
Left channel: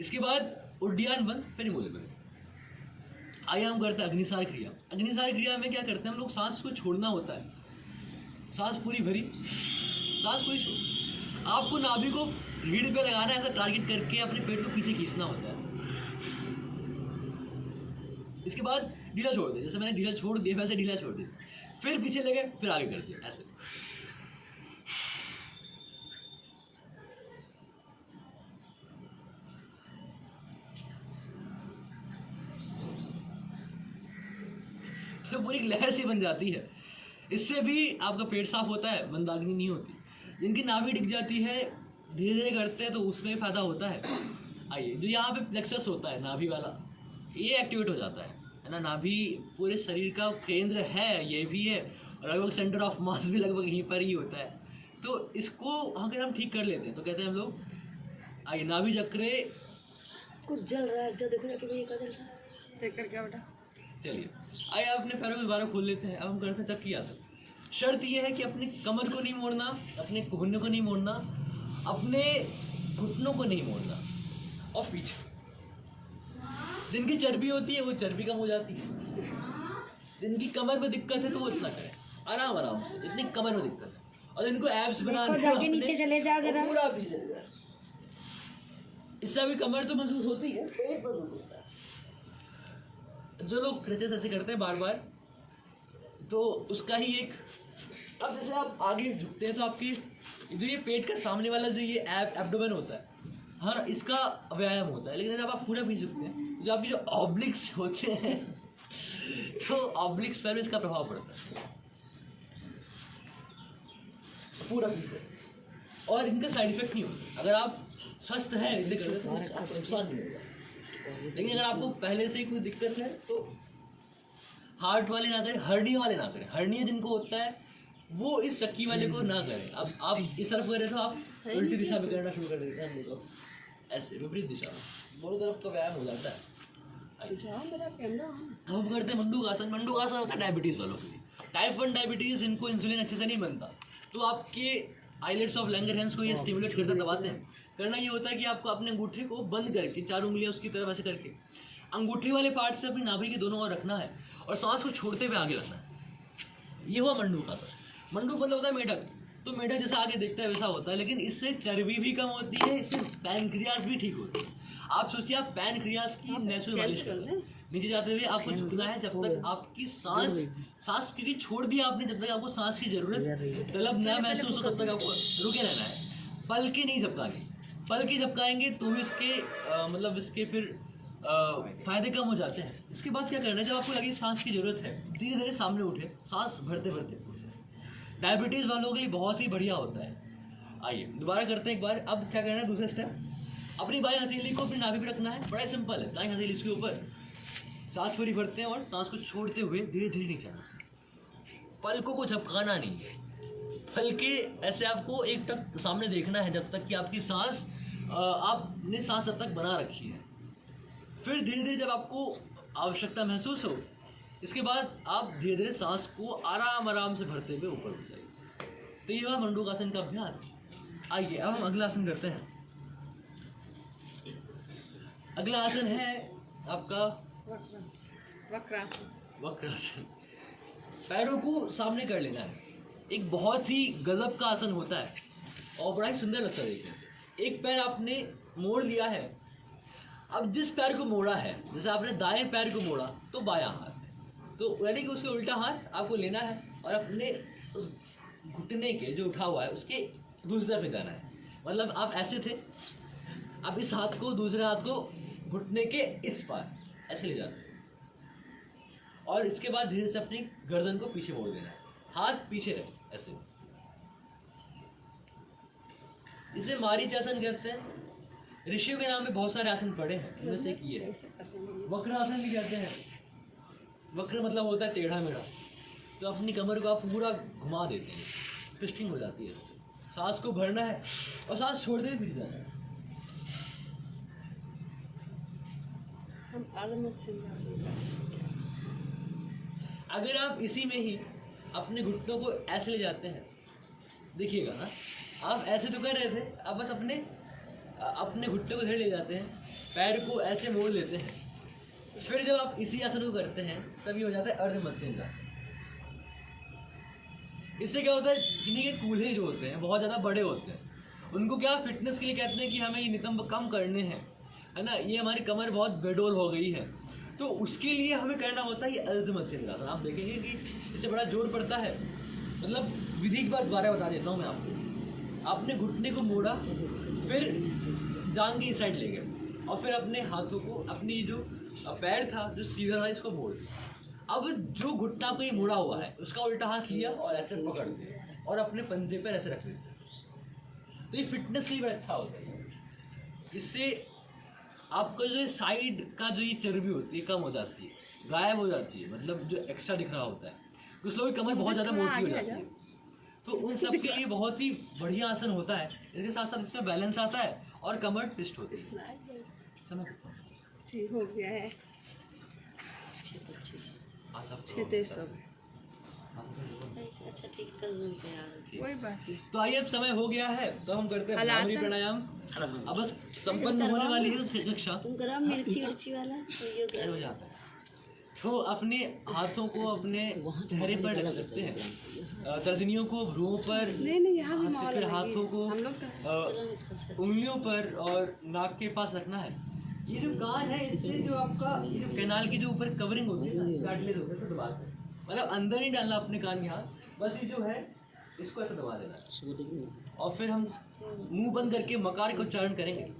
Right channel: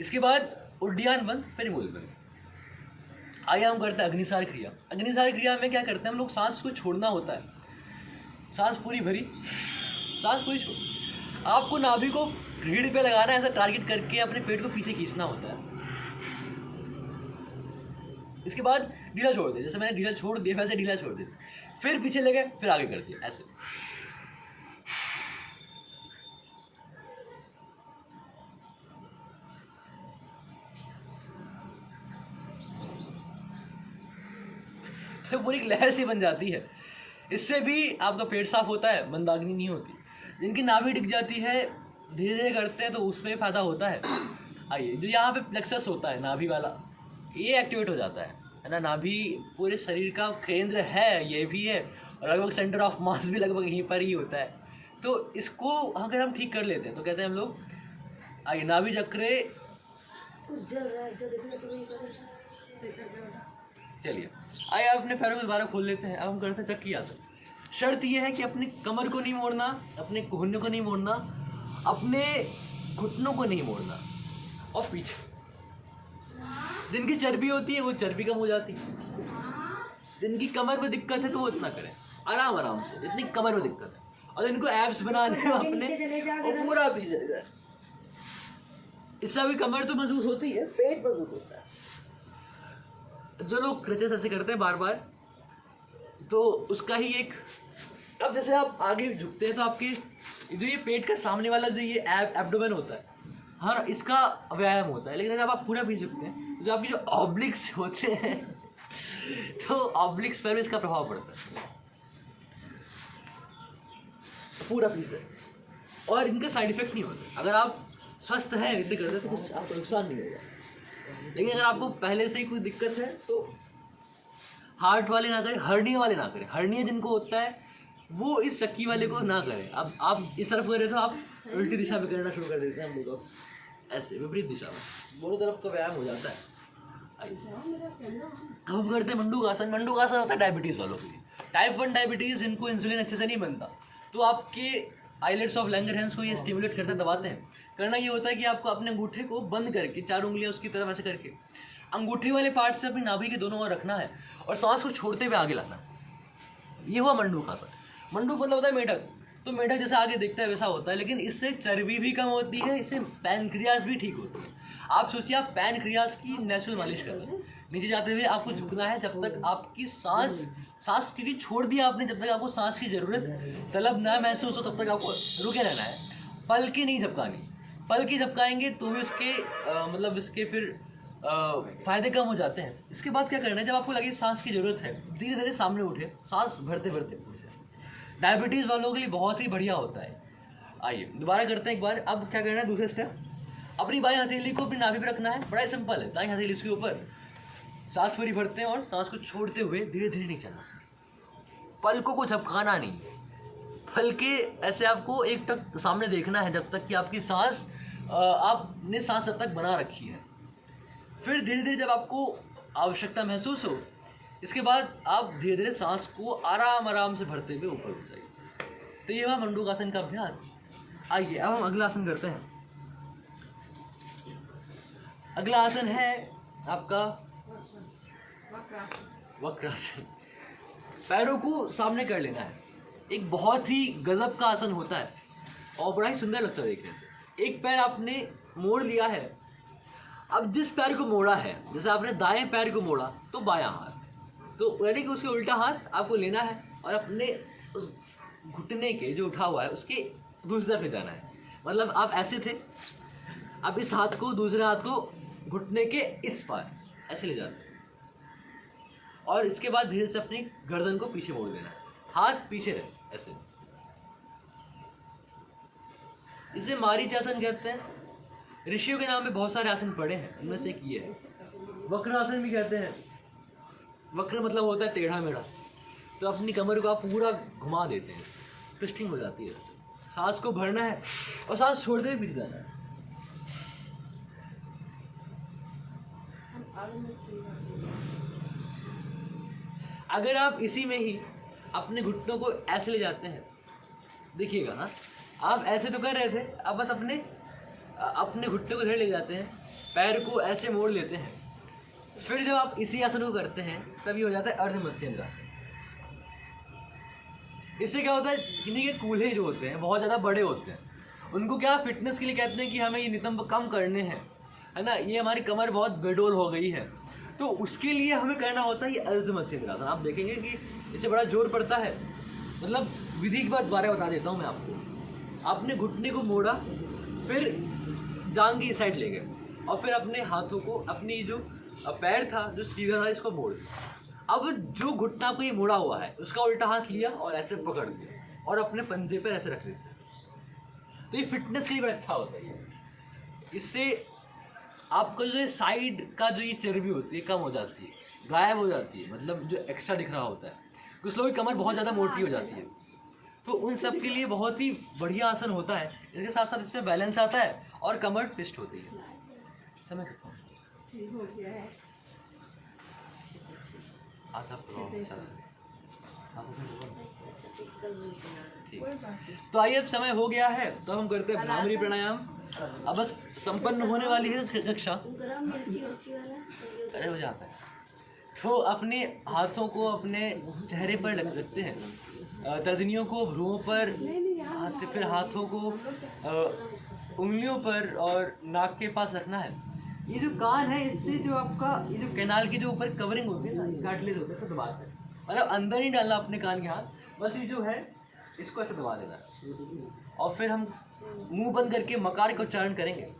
इसके बाद उड्डयन बंध, फिर मूलबंध। आइए हम करते हैं अग्निसार क्रिया। अग्निसार क्रिया में क्या करते हैं हम लोग, सांस को छोड़ना होता है, सांस पूरी भरी, सांस पूरी छोड़, आपको नाभि को रीढ़ पे लगाना है, ऐसा टारगेट करके अपने पेट को पीछे खींचना होता है। इसके बाद ढीला छोड़ दे, जैसे मैंने ढीला छोड़ दिया वैसे ढीला छोड़ दिया, फिर पीछे ले गए, फिर आगे कर दिया, ऐसे। तो पूरी लहर सी बन जाती है। इससे भी आपका पेट साफ होता है, मंदाग्नि नहीं होती। जिनकी नाभि दिख जाती है, धीरे धीरे करते हैं तो उसमें फायदा होता है। आइए, जो यहाँ पे प्लेक्सस होता है नाभि वाला, ये एक्टिवेट हो जाता है ना। नाभि पूरे शरीर का केंद्र है, ये भी है, और लगभग सेंटर ऑफ मास भी लगभग यहीं पर ही होता है। तो इसको अगर हम ठीक कर लेते हैं तो कहते हैं हम लोग, आइए, नाभि चक्रे कुछ जल रहा है, जो देखने के लिए कर रहा है, चेक करके बेटा। चलिए, आइए अपने पैरों को दोबारा खोल लेते हैं। अब हम करते हैं चक्की आसन। शर्त यह है कि अपनी कमर को नहीं मोड़ना, अपने कोहने को नहीं मोड़ना, अपने घुटनों को नहीं मोड़ना, और पीछे जिनकी चर्बी होती है वो चर्बी कम हो जाती है। जिनकी कमर में दिक्कत है तो वो इतना करें, आराम आराम से, जितनी कमर में दिक्कत है। और जिनको एब्स बनाने हैं अपने, वो पूरा पीछे चले जाए। इससे भी कमर तो मजबूत होती है, पेट मजबूत होता है। जो लोग क्रचेस ऐसे करते हैं बार बार, तो उसका ही एक, अब जैसे आप आगे झुकते हैं तो आपकी जो ये पेट का सामने वाला जो ये एब्डोमेन होता है, हर इसका व्यायाम होता है। लेकिन जब आप पूरा भी झुकते हैं तो जो आपकी जो ऑब्लिक्स होते हैं, तो ऑब्लिक्स पर भी इसका प्रभाव पड़ता है, पूरा पीछे। और इनका साइड इफेक्ट नहीं होता। अगर आप स्वस्थ हैं इसे करते तो कुछ आपको नुकसान नहीं होगा। लेकिन अगर आपको पहले से ही कोई दिक्कत है तो हार्ट वाले ना करें, हर्निया वाले ना करें। हर्निया जिनको होता है वो इस चक्की वाले को ना करें। अब आप इस तरफ कर रहे तो आप उल्टी दिशा में करना शुरू कर देते हैं हम लोग, ऐसे विपरीत दिशा में, दोनों तरफ का व्यायाम हो जाता है। हम करते हैं मंडूकासन। मंडूकासन होता है डायबिटीज़ वालों के लिए। टाइप 1 डायबिटीज़, इनको इंसुलिन अच्छे से नहीं बनता, तो आपके आइलेट्स ऑफ लैंगरहैंस को ये स्टिमुलेट करते दबाते हैं। करना ये होता है कि आपको अपने अंगूठे को बंद करके, 4 उंगलियां उसकी तरफ ऐसे करके, अंगूठे वाले पार्ट से अपनी नाभि के दोनों ओर रखना है और सांस को छोड़ते हुए आगे लाना है। ये हुआ मंडूकासन। मंडूक मतलब होता है मेढक। तो मेढक जैसे आगे देखता है वैसा होता है, लेकिन इससे चर्बी भी कम होती है, इससे पैनक्रियाज भी ठीक होती है। आप सोचिए, आप पैनक्रियाज की नेचुरल मालिश कर रहे हैं। नीचे जाते हुए आपको झुकना है जब तक आपकी सांस क्योंकि छोड़ दिया आपने, जब तक आपको सांस की जरूरत तलब ना महसूस हो तब तक आपको रुके रहना है। पलकी नहीं झपकानी, पलकी झपकाएंगे तो भी इसके मतलब इसके फिर फायदे कम हो जाते हैं। इसके बाद क्या करना है, जब आपको लगे सांस की जरूरत है, धीरे धीरे सामने उठे, सांस भरते भरते। डायबिटीज़ वालों के लिए बहुत ही बढ़िया होता है। आइए दोबारा करते हैं एक बार। अब क्या करना है, दूसरा स्टेप, अपनी बाईं हथेली को अपनी नाभि पे रखना है। बड़ा सिंपल है, दाईं हथेली इसके ऊपर, सांस पूरी भरते हैं और सांस को छोड़ते हुए धीरे धीरे नहीं चलना। पलकों को झपकाना नहीं है, हल्के ऐसे आपको एक तक सामने देखना है जब तक कि आपकी सांस आपने सांस तब तक बना रखी है। फिर धीरे धीरे जब आपको आवश्यकता महसूस हो, इसके बाद आप धीरे धीरे सांस को आराम आराम से भरते हुए ऊपर उठ जाइए। तो ये हुआ मंडूकासन का अभ्यास। आइए अब हम अगला आसन करते हैं। अगला आसन है आपका वक्रासन। पैरों को सामने कर लेना है। एक बहुत ही गजब का आसन होता है और बड़ा ही सुंदर लगता है देखने से। एक पैर आपने मोड़ लिया है। अब जिस पैर को मोड़ा है, जैसे आपने दाएं पैर को मोड़ा तो बायां हाथ, तो यानी कि उसके उल्टा हाथ आपको लेना है और अपने उस घुटने के जो उठा हुआ है उसके दूसरी तरफ जाना है। मतलब आप ऐसे थे, अब इस हाथ को, दूसरे हाथ को घुटने के इस पार ऐसे ले जाते हैं और इसके बाद धीरे से अपनी गर्दन को पीछे मोड़ देना है। हाथ पीछे रहे ऐसे। इसे मारीचासन कहते हैं। ऋषियों के नाम में बहुत सारे आसन पड़े हैं, इनमें से एक ये है। वक्र आसन भी कहते हैं। वक्र मतलब होता है टेढ़ा मेढ़ा। तो अपनी कमर को आप पूरा घुमा देते हैं, ट्विस्टिंग हो जाती है इससे। सांस को भरना है और सांस छोड़ते हुए पीछे जाना है। अगर आप इसी में ही अपने घुटनों को ऐसे ले जाते हैं, देखिएगा ना, आप ऐसे तो कर रहे थे, आप बस अपने घुटने को इधर ले जाते हैं, पैर को ऐसे मोड़ लेते हैं। फिर जब आप इसी आसन को करते हैं तब ये हो जाता है अर्ध मत्स्येंद्रासन। इससे क्या होता है, किन्हीं के कूल्हे जो होते हैं बहुत ज़्यादा बड़े होते हैं, उनको क्या फिटनेस के लिए कहते हैं कि हमें ये नितंब कम करने हैं, है ना, ये हमारी कमर बहुत बेडोल हो गई है, तो उसके लिए हमें करना होता है ये अर्ध मत्स्येंद्रासन। आप देखेंगे कि इससे बड़ा जोर पड़ता है। मतलब विधि की बात दोबारा बता देता हूँ मैं आपको। आपने घुटने को मोड़ा, फिर जांघ की साइड ले गए और फिर अपने हाथों को, अपनी जो पैर था जो सीधा था इसको मोड़ दिया। अब जो घुटना को ये मोड़ा हुआ है उसका उल्टा हाथ लिया और ऐसे पकड़ दिया और अपने पंजे पर ऐसे रख दिया। तो ये फिटनेस के लिए बड़ा अच्छा होता है। इससे आपका जो साइड का जो ये चर्बी होती है कम हो जाती है, गायब हो जाती है, मतलब जो एक्स्ट्रा दिख रहा होता है। कुछ लोगों की कमर बहुत ज़्यादा मोटी हो जाती है, तो उन सब के लिए बहुत ही बढ़िया आसन होता है। इसके साथ साथ इसमें बैलेंस आता है और कमर ट्विस्ट होती है। समय कितना ठीक हो गया है। कोई बात नहीं। तो आइए, अब समय हो गया है तो हम करते हैं भ्रामरी प्राणायाम। अब बस संपन्न होने वाली है कक्षा। हो जाता है तो अपने हाथों को अपने चेहरे पर लगा सकते हैं, तर्जनियों को भ्रूओं पर, फिर हाथों को उंगलियों पर और नाक के पास रखना है। ये जो कान है, इससे जो आपका ये जो कैनाल की जो ऊपर कवरिंग होती है, कार्टिलेज होता है, इसको दबा दें। मतलब अंदर ही डालना अपने कान के हाथ, बस ये जो है इसको ऐसे दबा देना और फिर हम मुंह बंद करके मकार का उच्चारण करेंगे।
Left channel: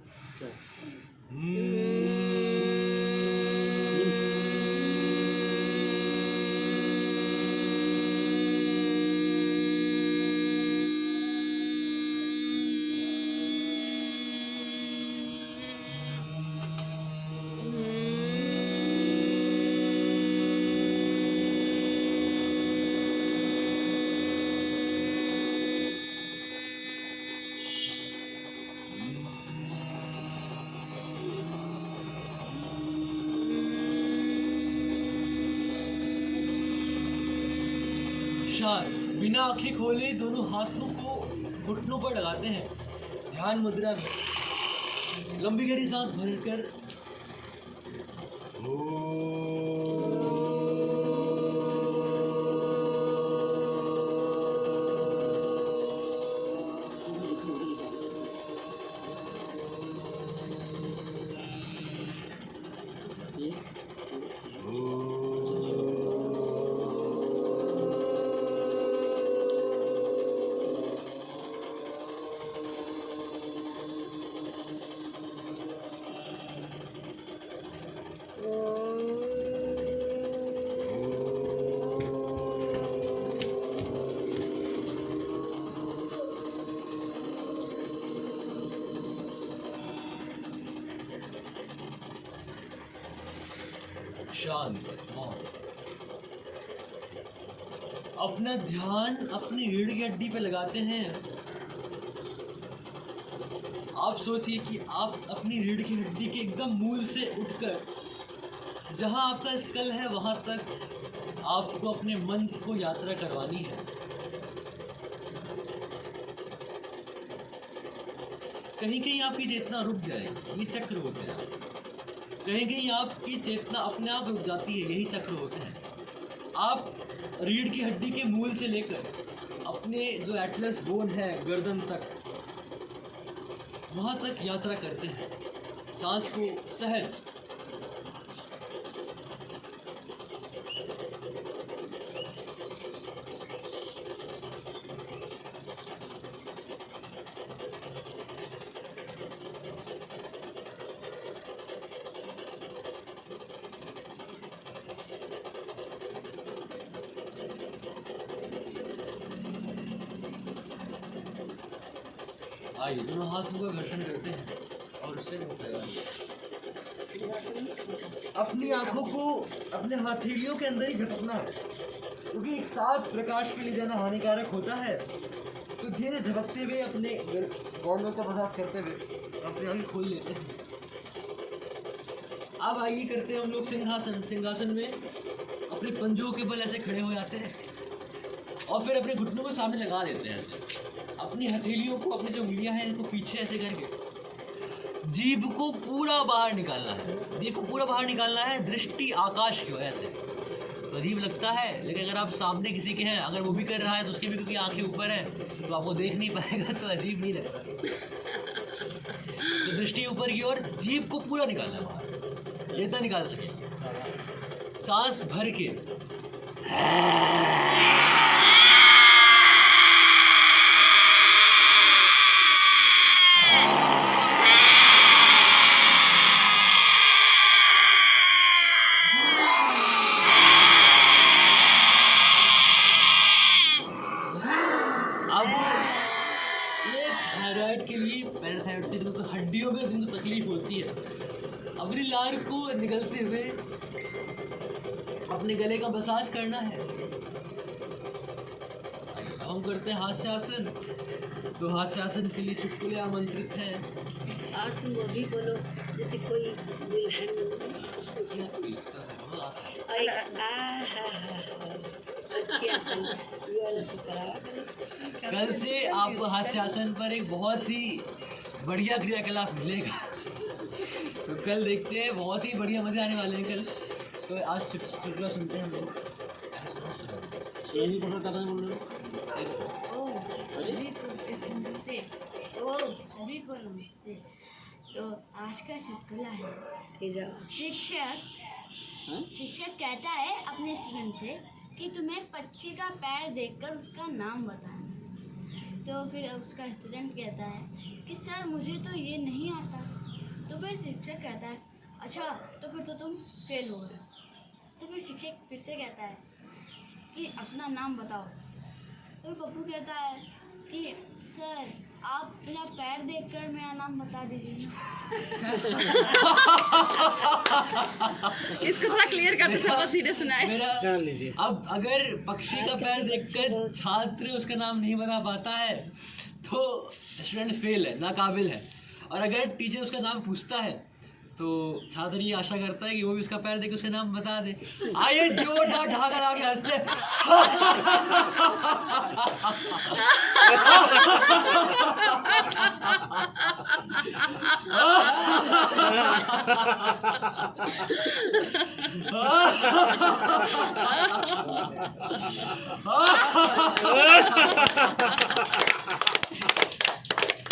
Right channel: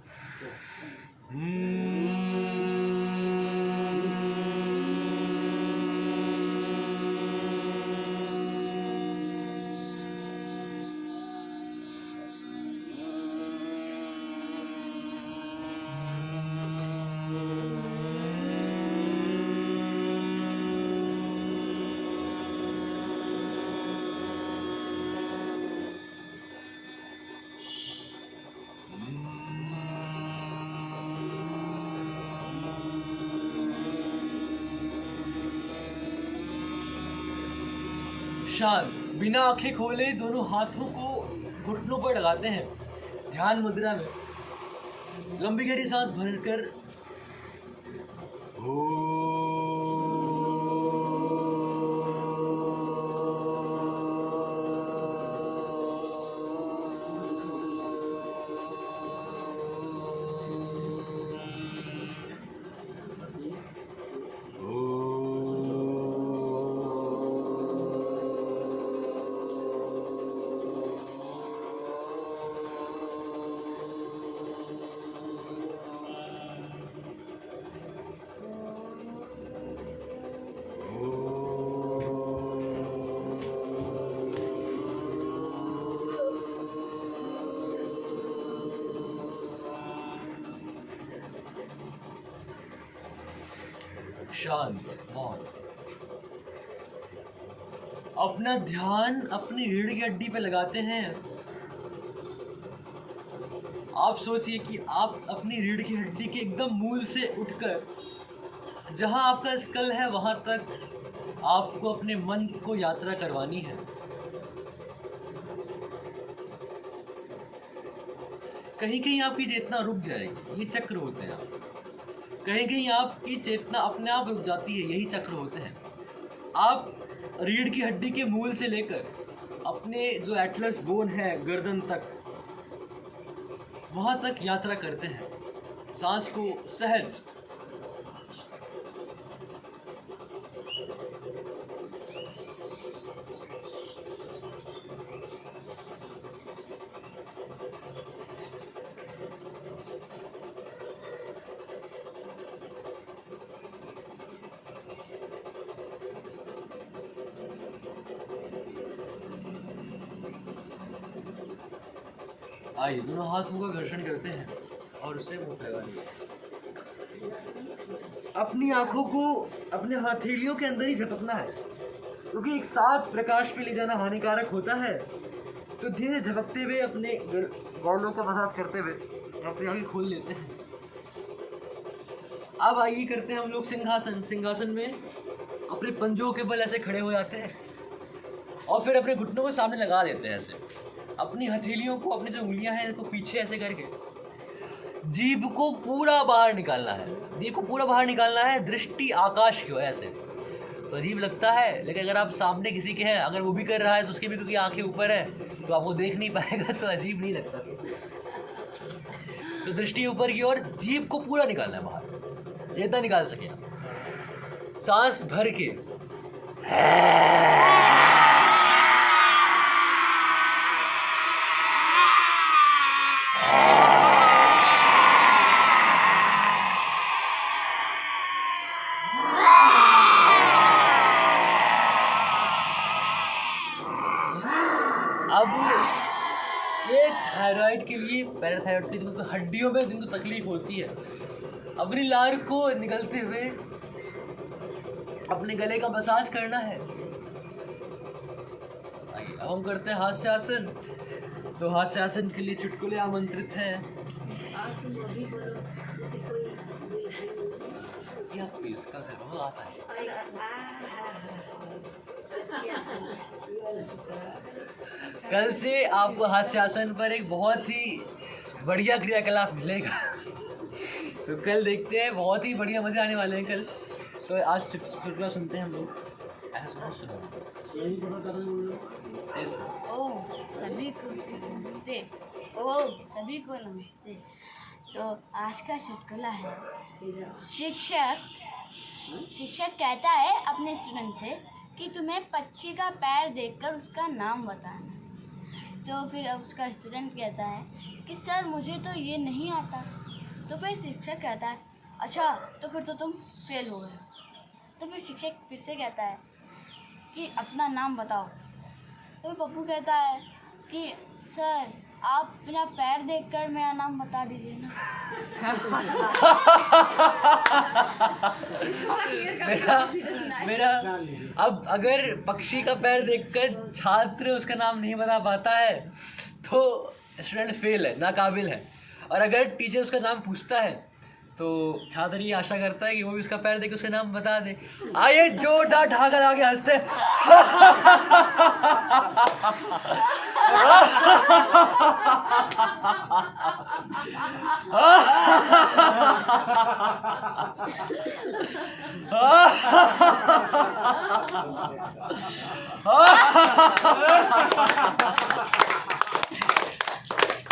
शांत, बिना आंखें खोले दोनों हाथों को घुटनों पर लगाते हैं, ध्यान मुद्रा में लंबी गहरी सांस भरकर शांत, मौन। अपना ध्यान अपनी रीढ़ की हड्डी पे लगाते हैं। आप सोचिए कि आप अपनी रीढ़ की हड्डी के एकदम मूल से उठकर जहां आपका स्कल है वहां तक आपको अपने मन को यात्रा करवानी है। कहीं कहीं आपकी चेतना रुक जाएगी, ये चक्र होते हैं। कहीं कहीं आपकी चेतना अपने आप रुक जाती है, यही चक्र होते हैं। आप रीढ़ की हड्डी के मूल से लेकर अपने जो एटलस बोन है गर्दन तक, वहां तक यात्रा करते हैं सांस को सहज। आइए दोनों हाथों का घर्षण करते हैं और उसे मुंह लगाएंगे। अपनी आंखों को अपने हथेलियों के अंदर ही झपकना है, क्योंकि एक साथ प्रकाश पे ले जाना हानिकारक होता है। तो धीरे झपकते हुए अपने गौलों का मसाज करते हुए अपनी आंखें खोल लेते हैं। अब आइए करते हैं हम लोग सिंहासन। सिंहासन में अपने पंजों के बल ऐसे खड़े हो जाते हैं और फिर अपने घुटनों को सामने लगा देते हैं ऐसे। अपनी हथेलियों को, अपनी जो उंगलियां हैं इनको पीछे ऐसे करके जीभ को पूरा बाहर निकालना है। जीभ को पूरा बाहर निकालना है, दृष्टि आकाश की ओर ऐसे। तो अजीब लगता है, लेकिन अगर आप सामने किसी के हैं, अगर वो भी कर रहा है तो उसकी भी क्योंकि आंखें ऊपर है तो आप वो देख नहीं पाएगा, तो अजीब नहीं लगता। तो दृष्टि ऊपर की ओर, जीभ को पूरा निकालना है बाहर, जितना निकाल सके। सांस भर के थायराइड के लिए, पैराथायराइड के जिनको हड्डियों में जिनको तकलीफ होती है, अपनी लार को निकलते हुए अपने गले का मसाज करना है। अब हम करते हैं हास्यासन। तो हास्यासन के लिए चुटकुले आमंत्रित हैं। आज तुम अभी बोलो जैसे कोई दुल्हन कल से आपको हास्यासन पर एक बहुत ही बढ़िया क्रियाकलाप मिलेगा। तो कल देखते हैं, बहुत ही बढ़िया मजे आने वाले हैं कल। तो आज चुटकुला सुनते हैं हम लोग। सभी को नमस्ते। तो आज का चुटकुला है, शिक्षक कहता है अपने स्टूडेंट से कि तुम्हें पक्षी का पैर देखकर उसका नाम बताना। तो फिर उसका स्टूडेंट कहता है कि सर मुझे तो ये नहीं आता। तो फिर शिक्षक कहता है अच्छा तो फिर तो तुम फेल हो गए। तो फिर शिक्षक फिर से कहता है कि अपना नाम बताओ। तो पप्पू कहता है कि सर आप मेरा पैर देखकर मेरा नाम बता दीजिए ना। इसको थोड़ा क्लियर कर दो, तो सीधे सुनाए। मेरा अब अगर पक्षी का पैर देखकर छात्र उसका नाम नहीं बता पाता है तो स्टूडेंट फेल है, नाकाबिल है। और अगर टीचर उसका नाम पूछता है तो छात्र ये आशा करता है कि वो भी उसका पैर देख उसका नाम बता दे। आइए जोरदार ढाकर आगे हंसते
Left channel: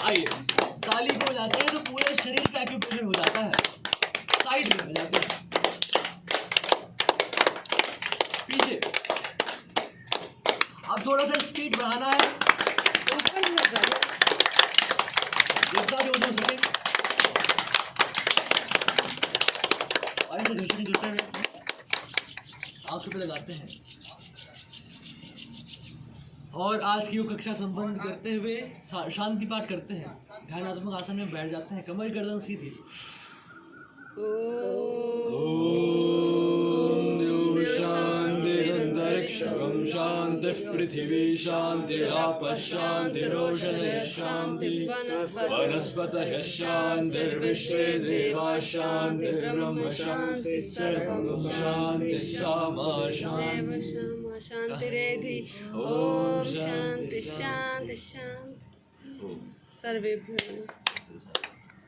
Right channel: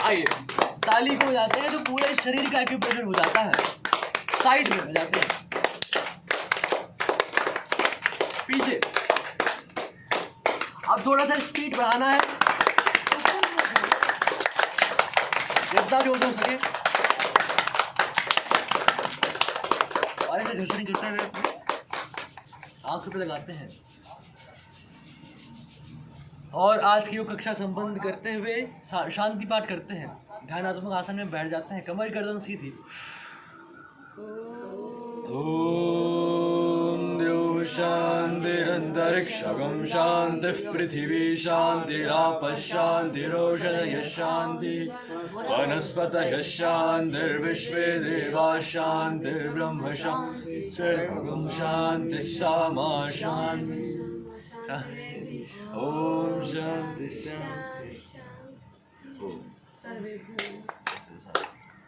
आइए ताली को जाते हैं तो पूरे शरीर का एक्यूप्रेशर हो जाता है। साइड में हो जाते हैं, पीछे। अब थोड़ा सा स्पीड बढ़ाना है, जितना जोर हो सके। और ऐसे घुसने घुसते हुए आंखों पे लगाते हैं। और आज की वो कक्षा संपन्न करते हुए शांति पाठ करते हैं। ध्यानात्मक आसन में बैठ जाते हैं, कमर गर्दन सीधी। ओम शांति। अन्तरिक्षं शान्तिः पृथिवी शान्तिरापः शान्तिरोषधयः शान्तिः वनस्पतयः शान्तिर्विश्वे देवाः शान्तिर्ब्रह्म शान्तिः सर्वं शान्तिः सामा शान्तिः शान्तिरेधि ॐ शान्ति शान्ति शान्ति सर्वेभ्यो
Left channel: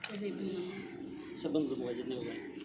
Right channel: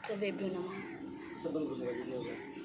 सर्वेभ्यो नमः। सब बंद करो, जितने हो गए।